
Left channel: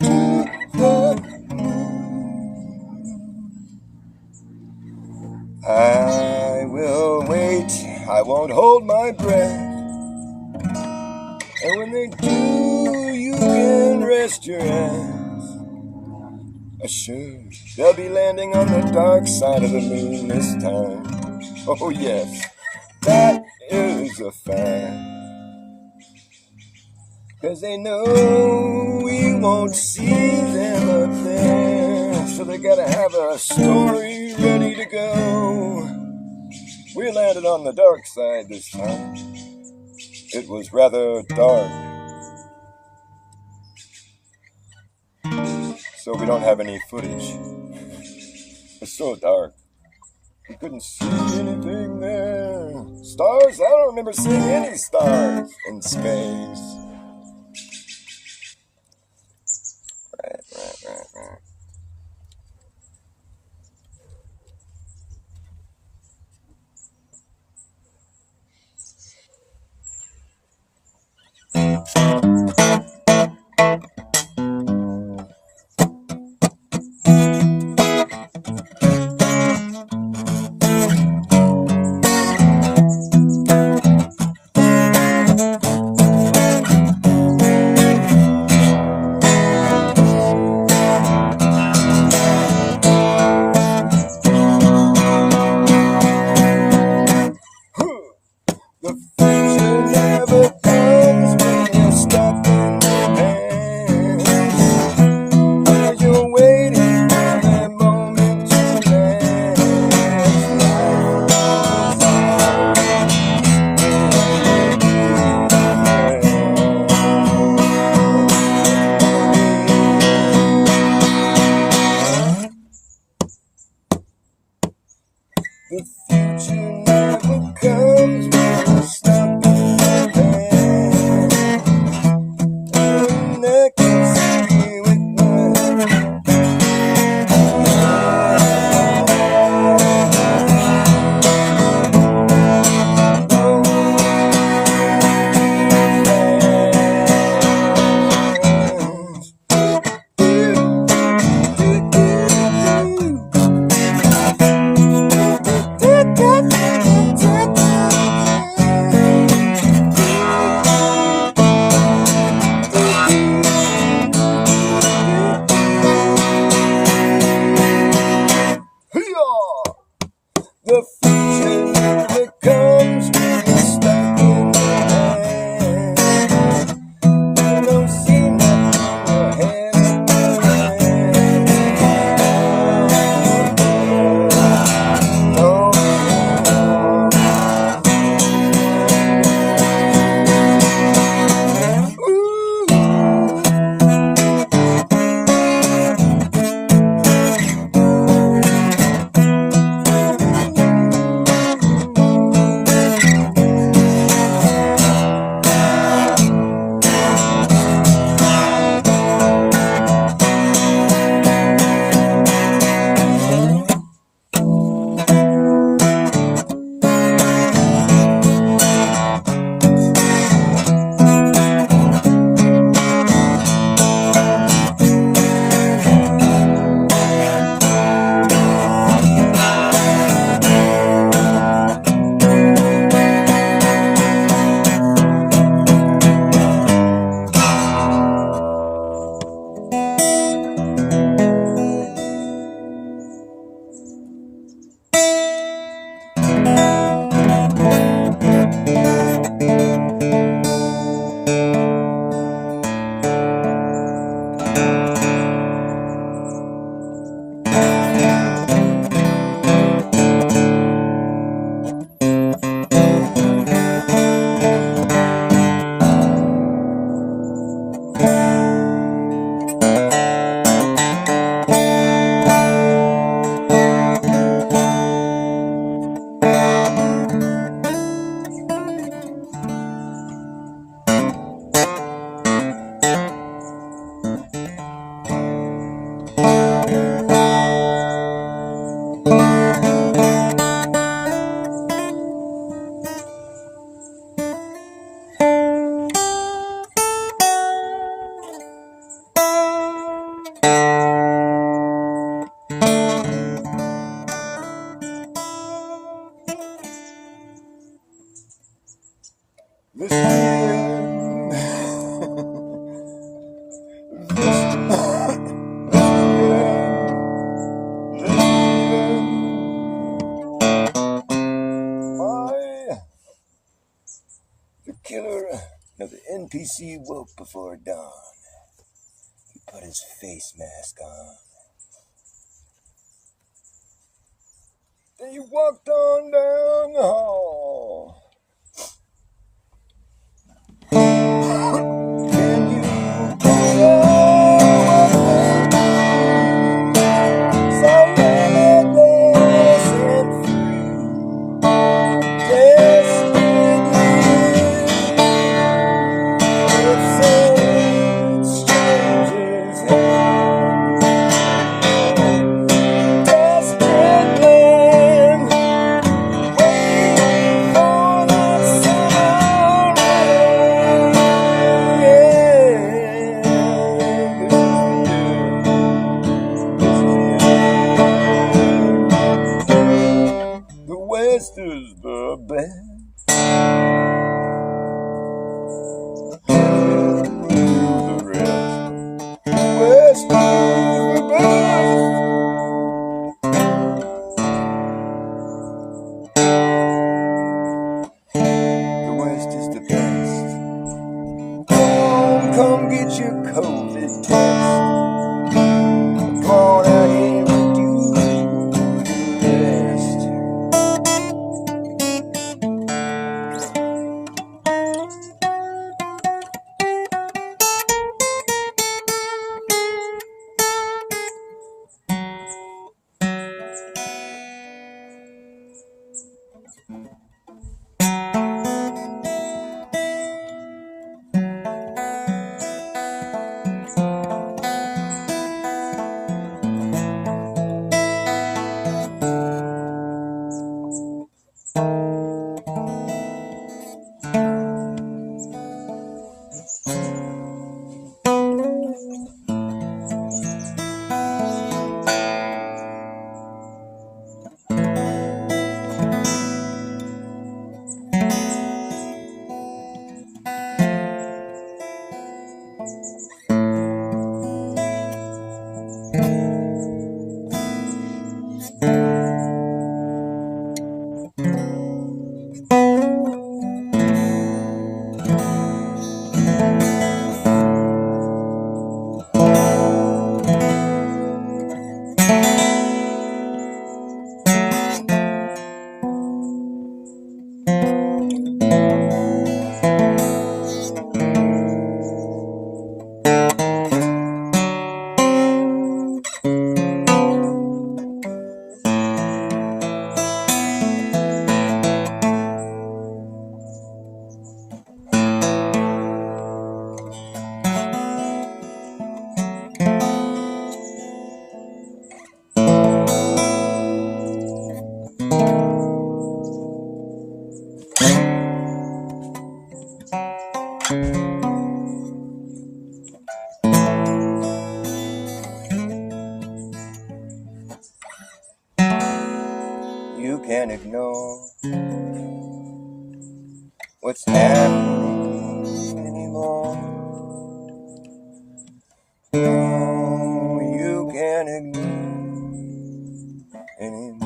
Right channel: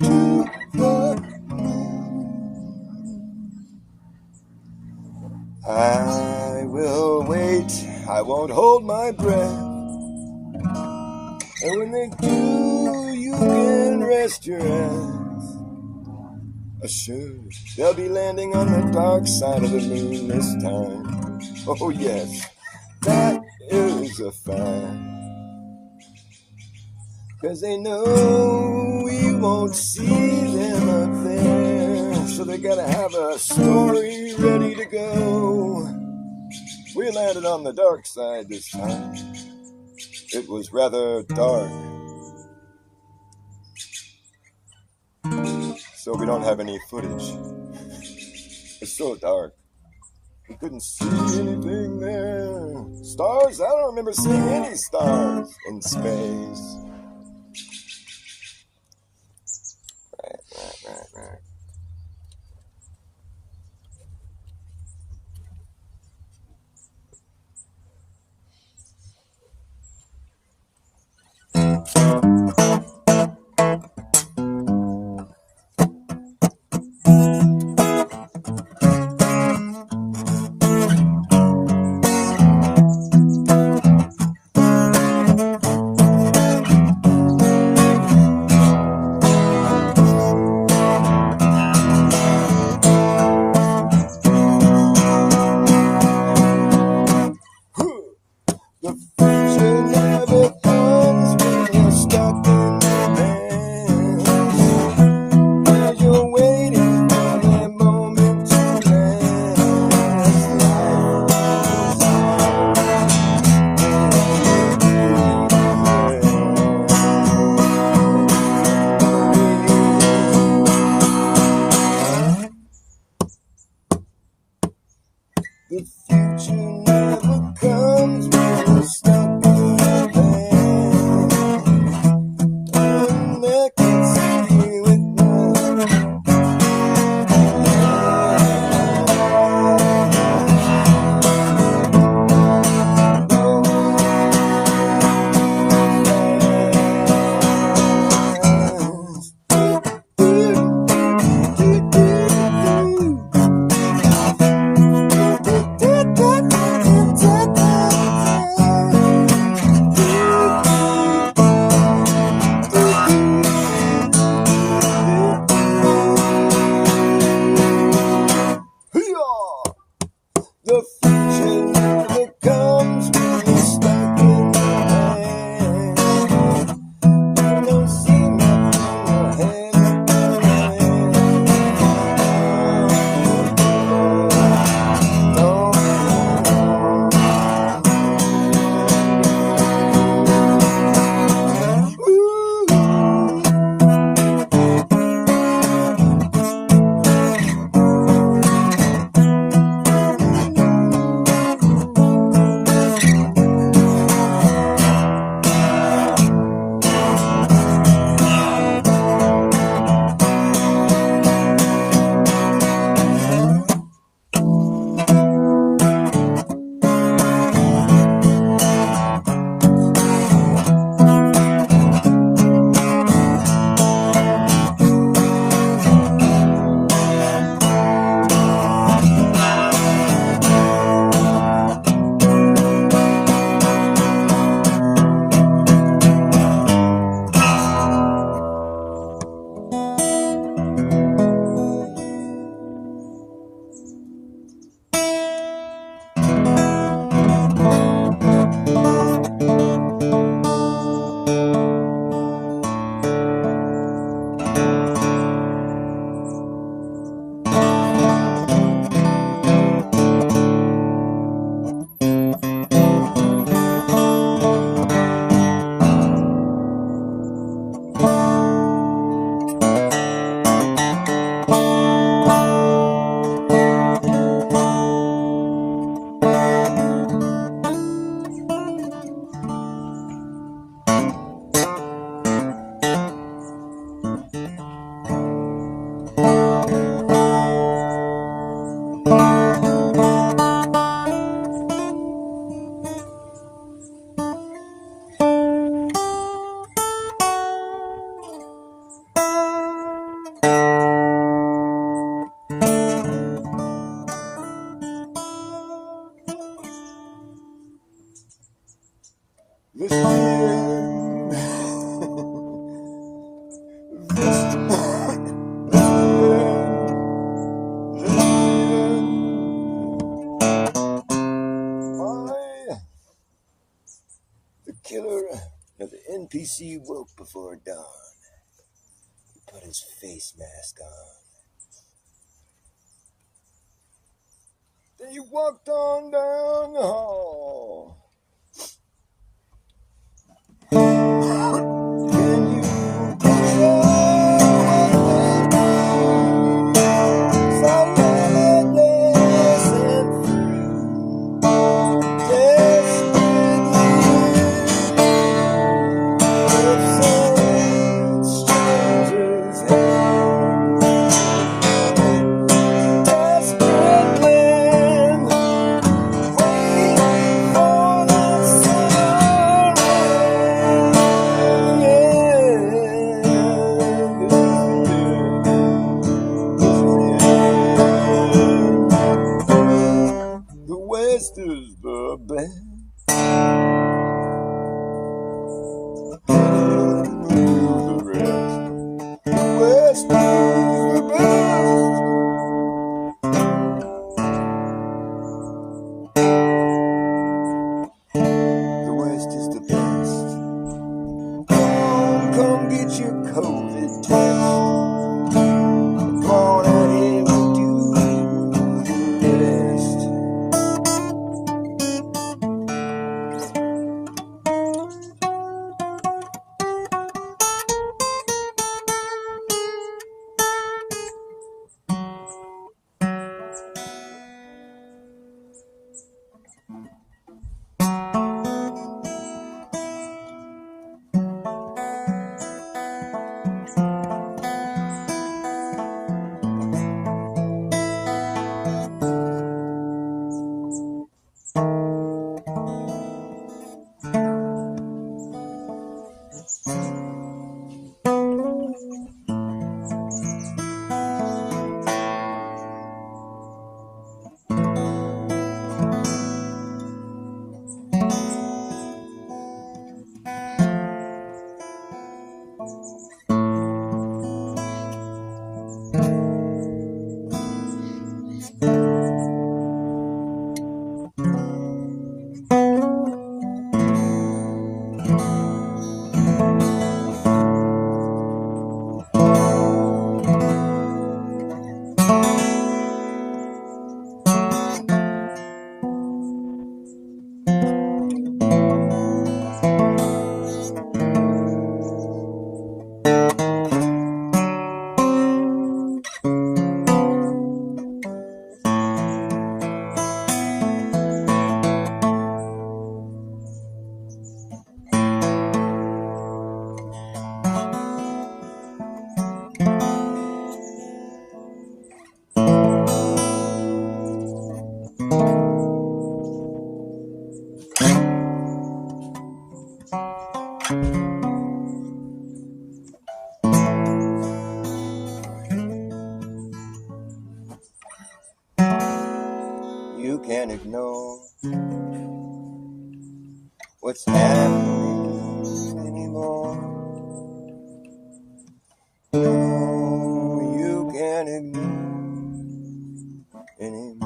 to the moon. I will wait. I won't hold my breath. And when they do, you can rest your hands. Assured, they'll be landing on the dark side of the moon this time. Oh yes, that is a fact. 'Cause they know we won't see them up there. So they gotta have a story ready to go. We landed on the dark side this time. It was rather dark. So we don't have any footage. It's so dark. We couldn't see anything there. Stars? I don't remember seeing any stars in space. Right. This is the end. This is the end. This is the end. The killer of the NPC woke before dawn. He put his face mask on. Then he walked on down the hall. Can you picture what they do? So limitless and free. Desperately with some strangers in desperate land, waiting for that summer rain. The West is the best. The rest. The West is the best. The West is the best. Come get your COVID test. Come on out here and do the rest. You can't ignore what's happening anymore. No, you can't ignore anymore.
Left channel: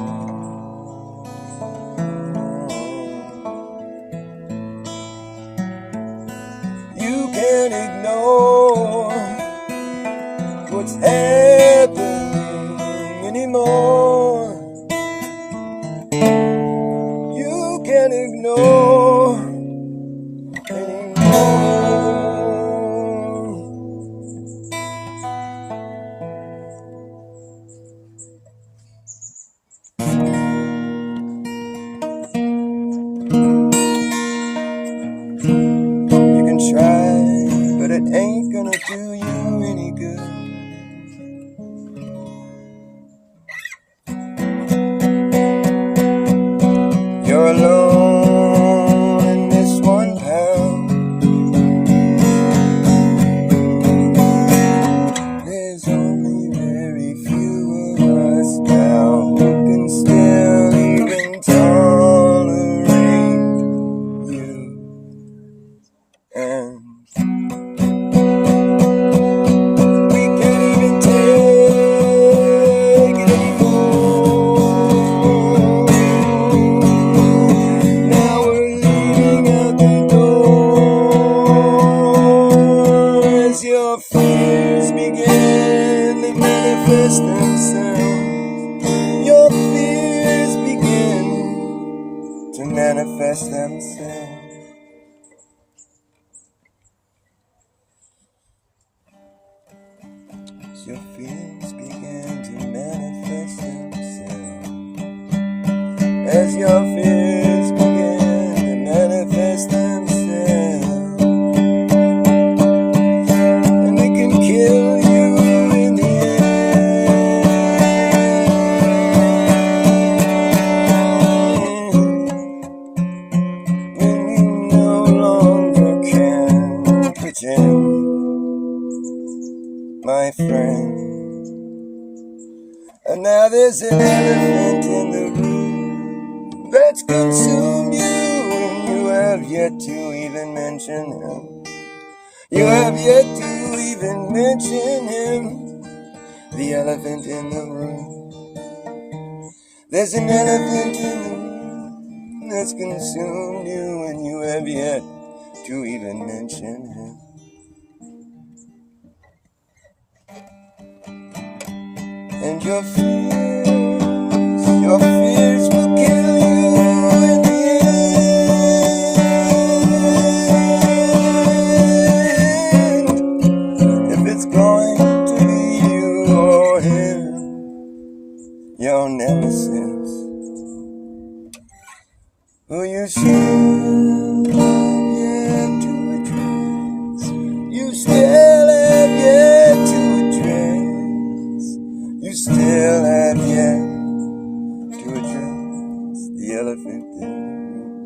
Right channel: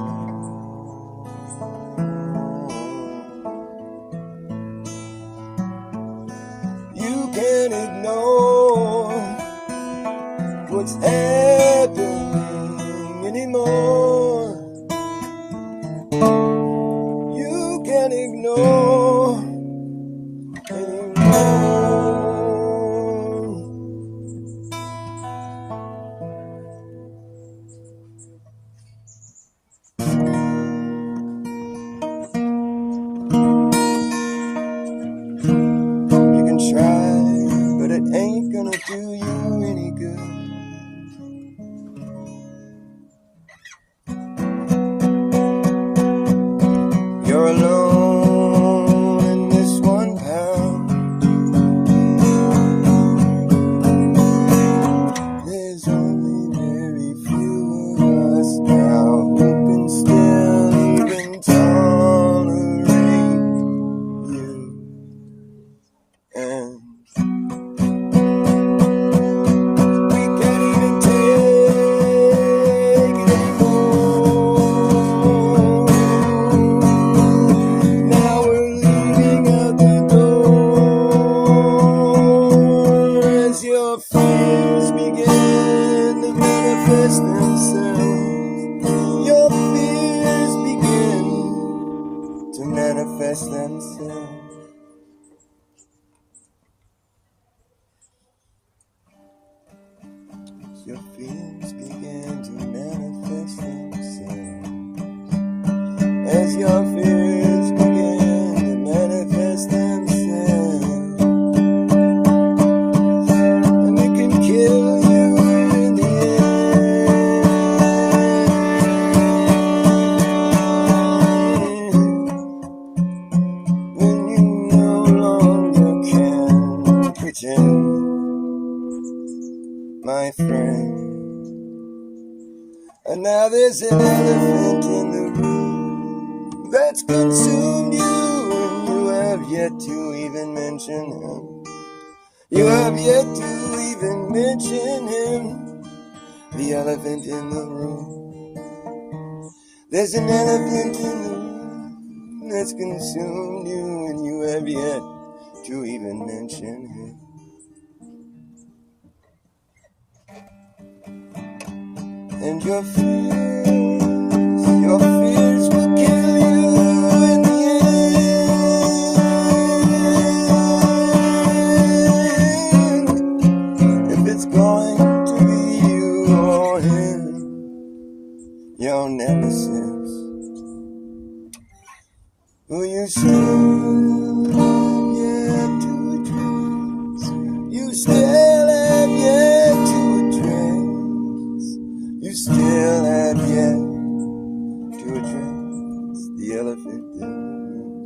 You can't ignore what's happening anymore. You can't ignore anymore. You can try, but it ain't gonna do you any good. You're alone manifest themselves. Your fears begin to manifest themselves. As your fears begin to manifest themselves, and it can kill you in the end, when you no longer can pretend, my friend. And now there's an elephant in the room that's consumed you, and you have yet to even mention him. You have yet to even mention him. The elephant in the room. There's an elephant in the room that's consumed you, and you have yet to even mention him. And your fears will kill you in the end. If it's going to be you or him, your nemesis, who you still have yet to address. You still have yet to address. You still have yet to address the elephant in the room.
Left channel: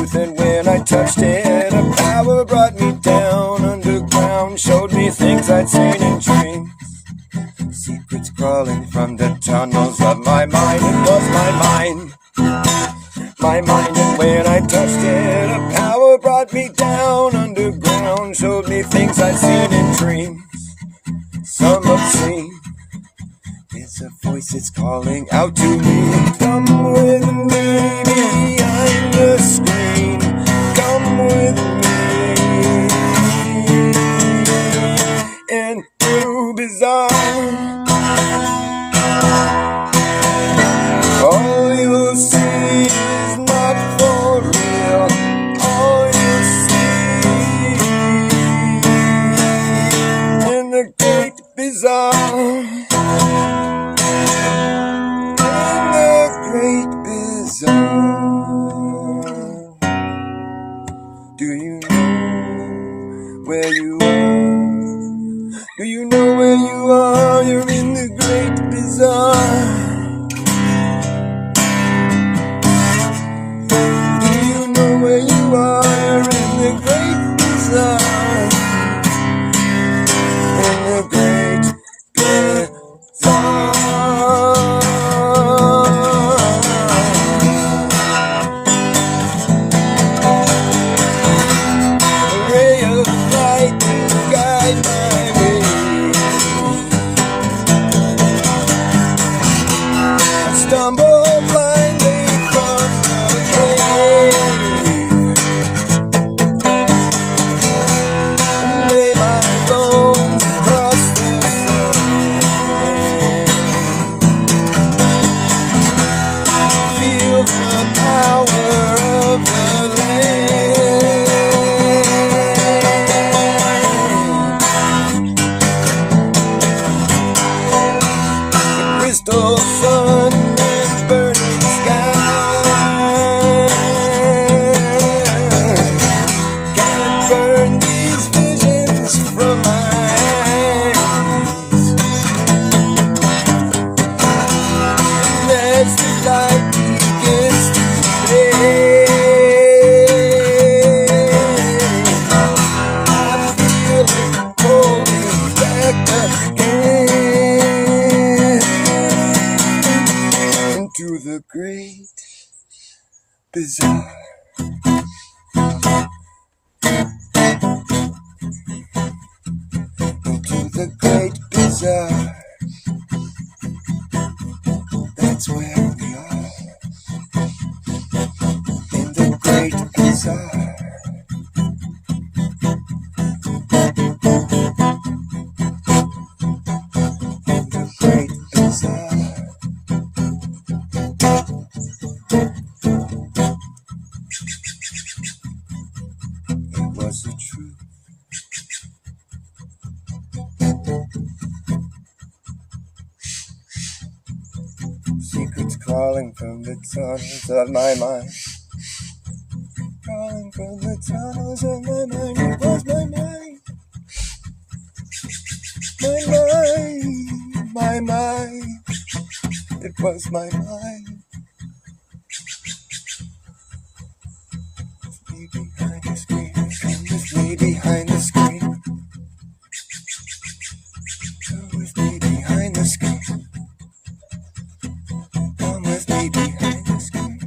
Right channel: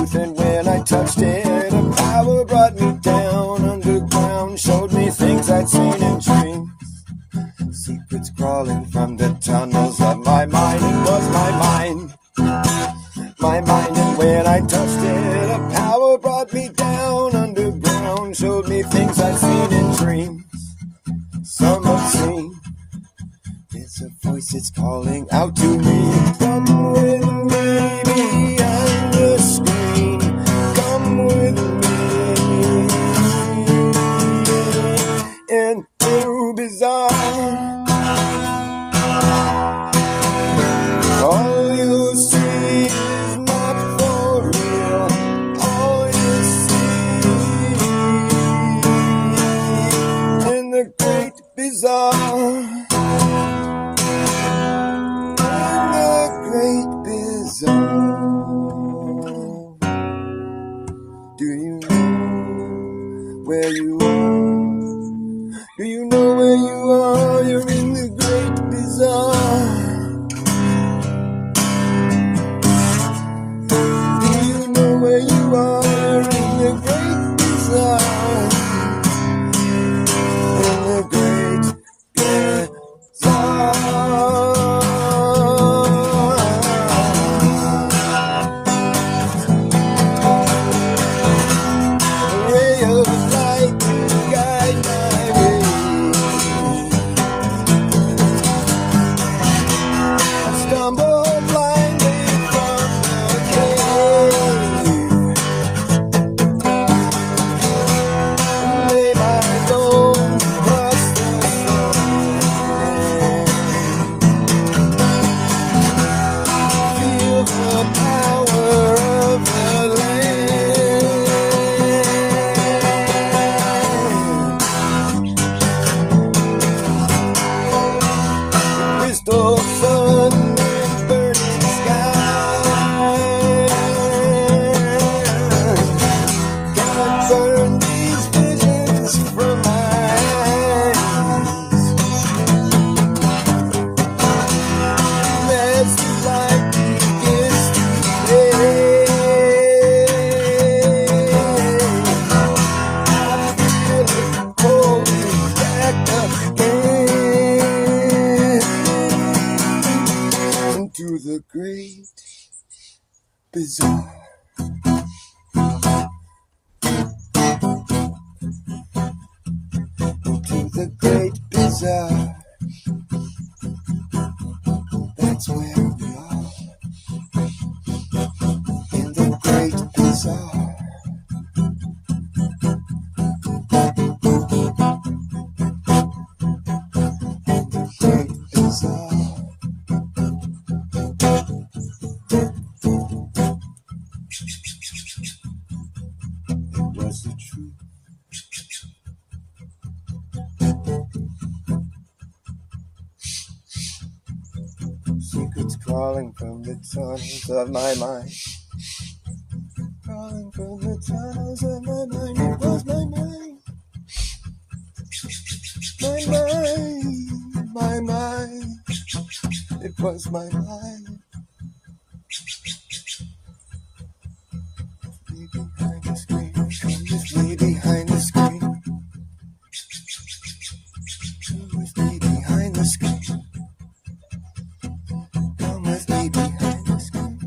truth, and when I touched it, a power brought me down underground, showed me things I'd seen in dreams. Secrets crawling from the tunnels of my mind. It was my mind, and when I touched it, a power brought me down underground, showed me things I'd seen in dreams. Some obscene. It's a voice that's calling out to me. Come with me behind the screen. Come with me into bizarre. All you'll see is not for real. All you'll see in the great bizarre. Great bizarre. Do you know where you are? Do you know where you are? You're in the great bizarre. Do you know where you are? You're in the great bizarre. In the great bizarre. The great bizarre. Into the great bizarre. That's where we are. In the great bizarre. In the great bizarre. Was the truth. Secrets crawling from the tunnels of my mind. Crawling from the tunnels of my mind. It was my mind. My mind. It was my mind. Behind the screen. Come with me behind the screen. Come with me behind the screen. Come with me behind the screen.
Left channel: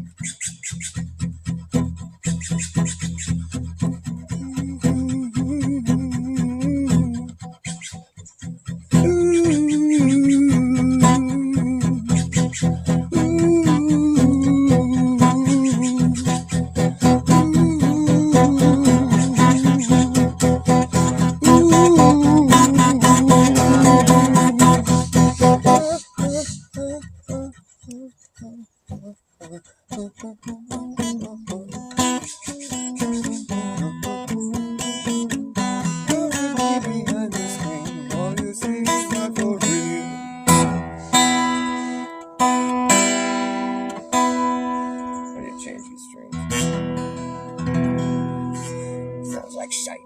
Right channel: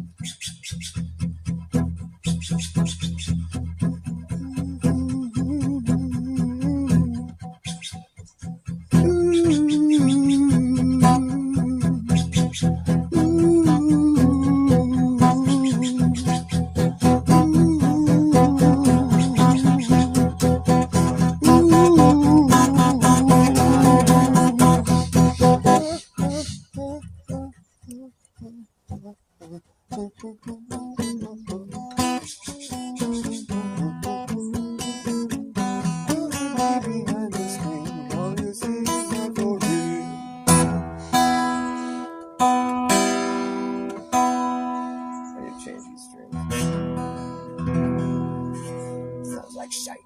Sounds like shite.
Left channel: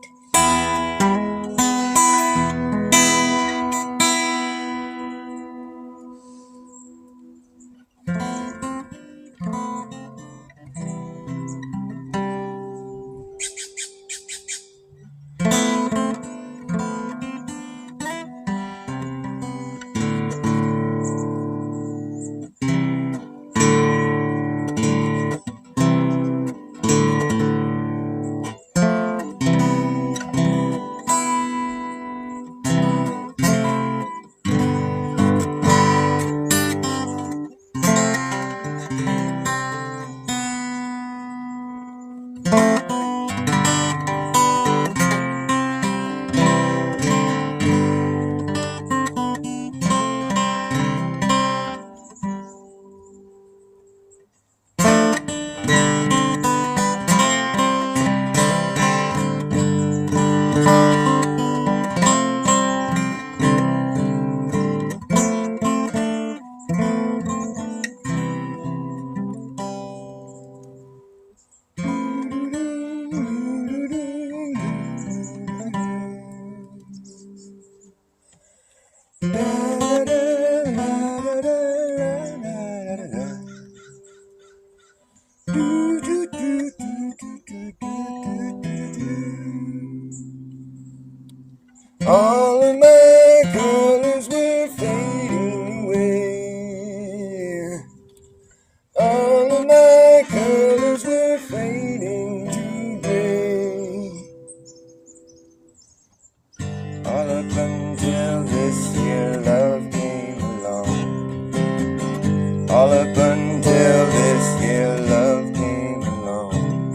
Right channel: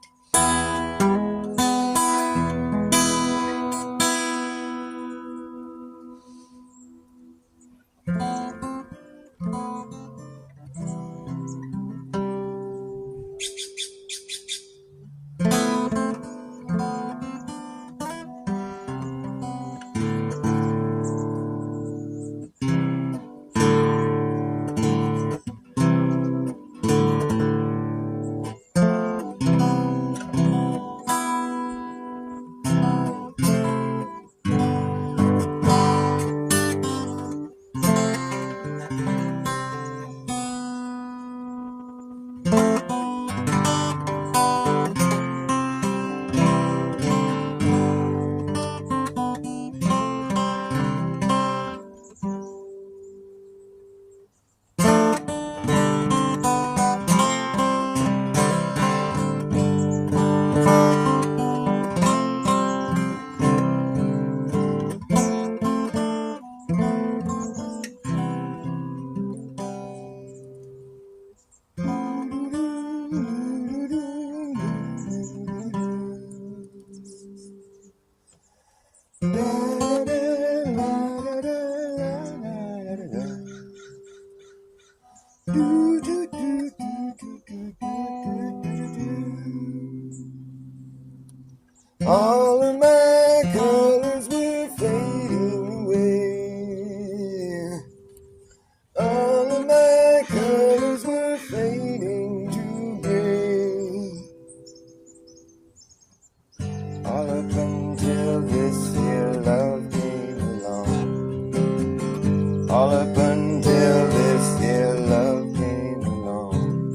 all up until this here love came along.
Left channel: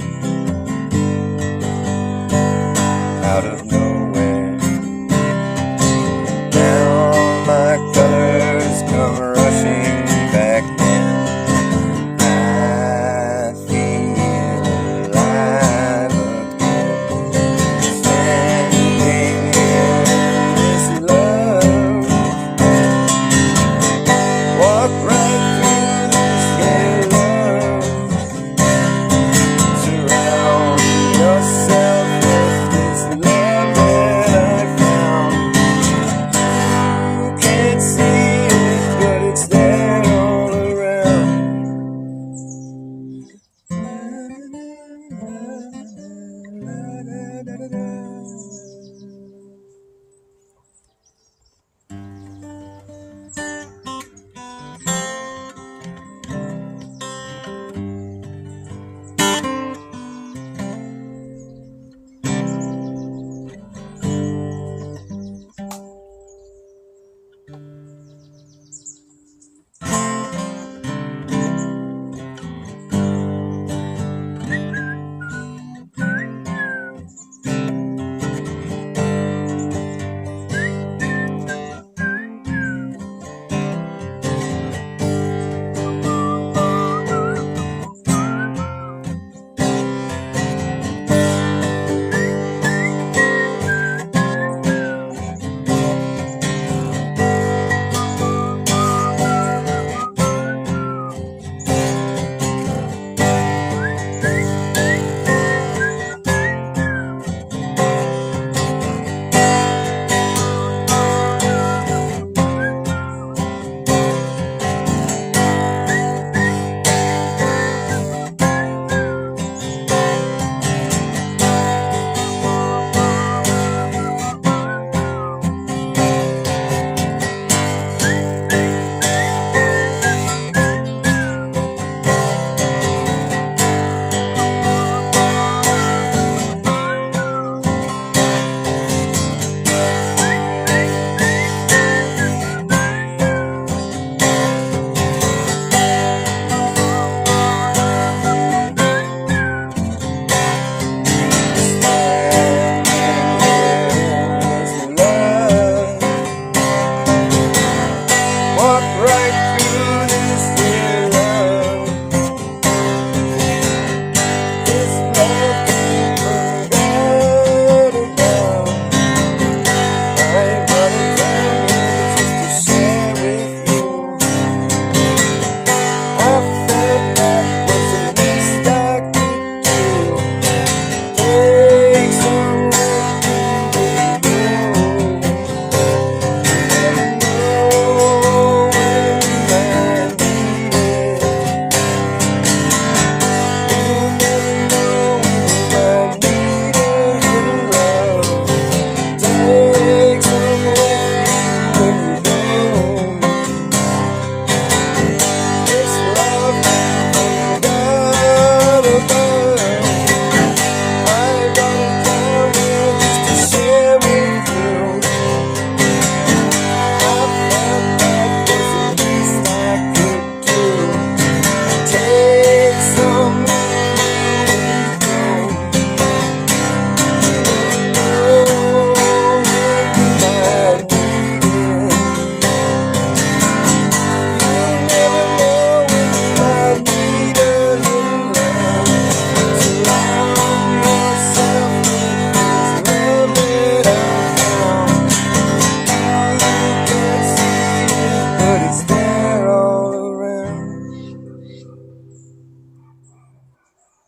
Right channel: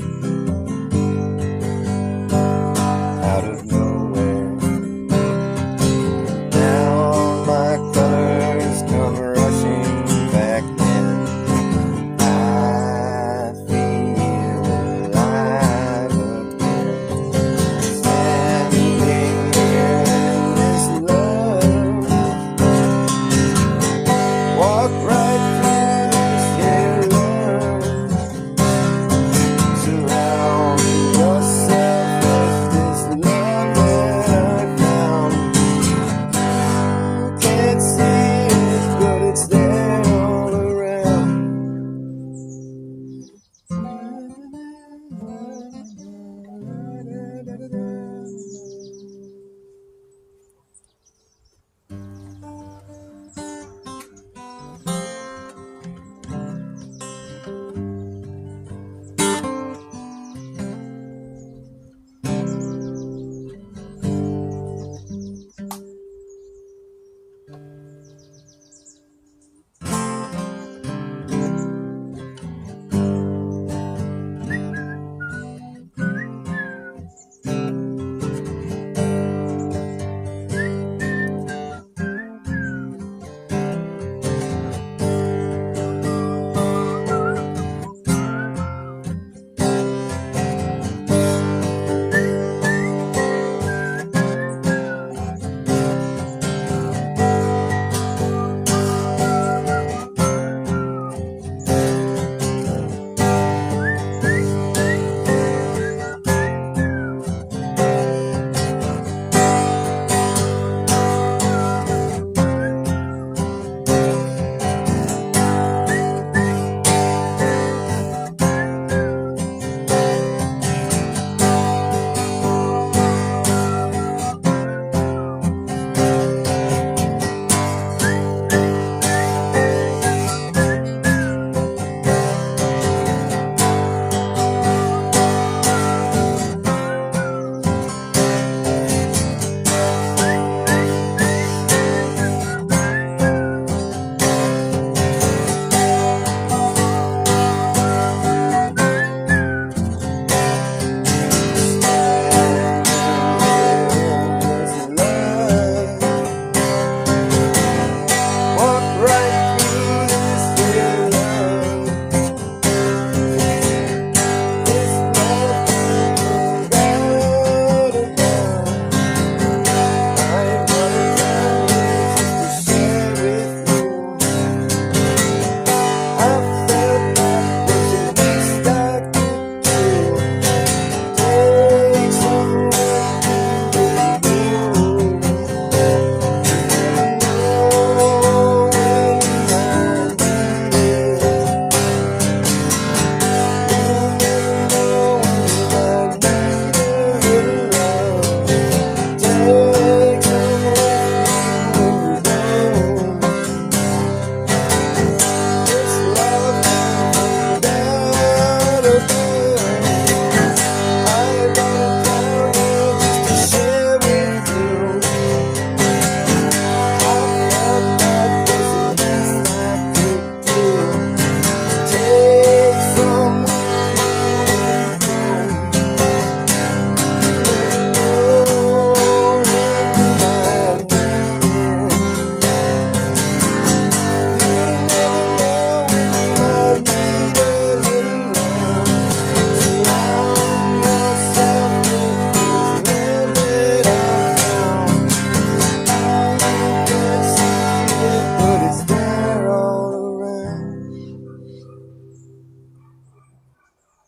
Out of nowhere, now my colors come rushing back in. I feel alive again, standing in this love. Walk right through this here love. Surround yourself with this love that I found. You can't see it, but it's there all around. Walk right through this here love. This love forgot about. I'm gonna tell you just to share with you. I felt that was the least I could do. Take some with you.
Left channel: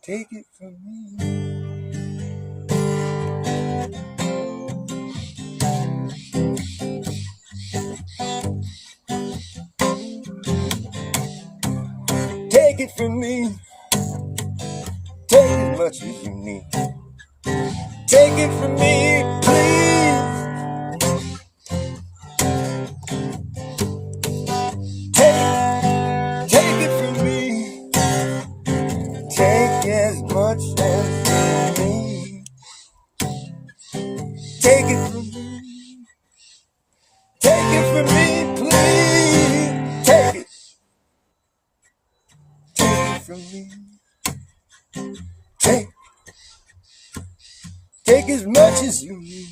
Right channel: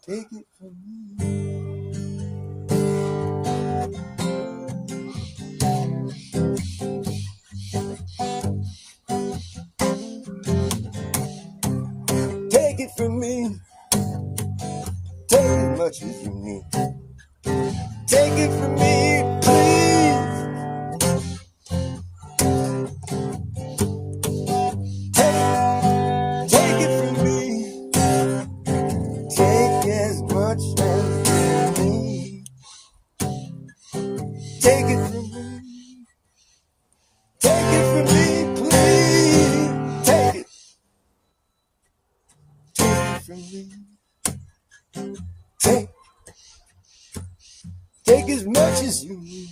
Take it from me. Take it from me. Take as much as you need. Take it from me, please. Take it from me. Take as much as you need. Take it from me. Take it from me, please. Take it. from me. Take as much as you need.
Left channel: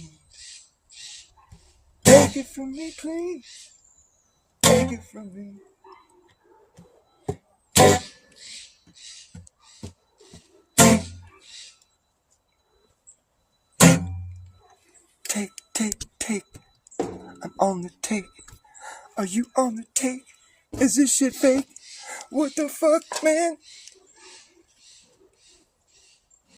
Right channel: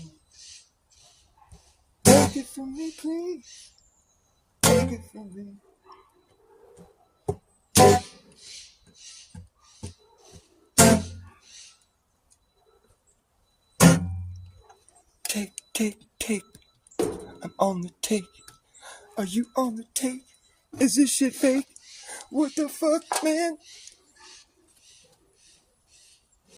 Take it from me, please. Take it from me. Take. I'm on the take. Are you on the take? Is this shit fake? What the fuck, man?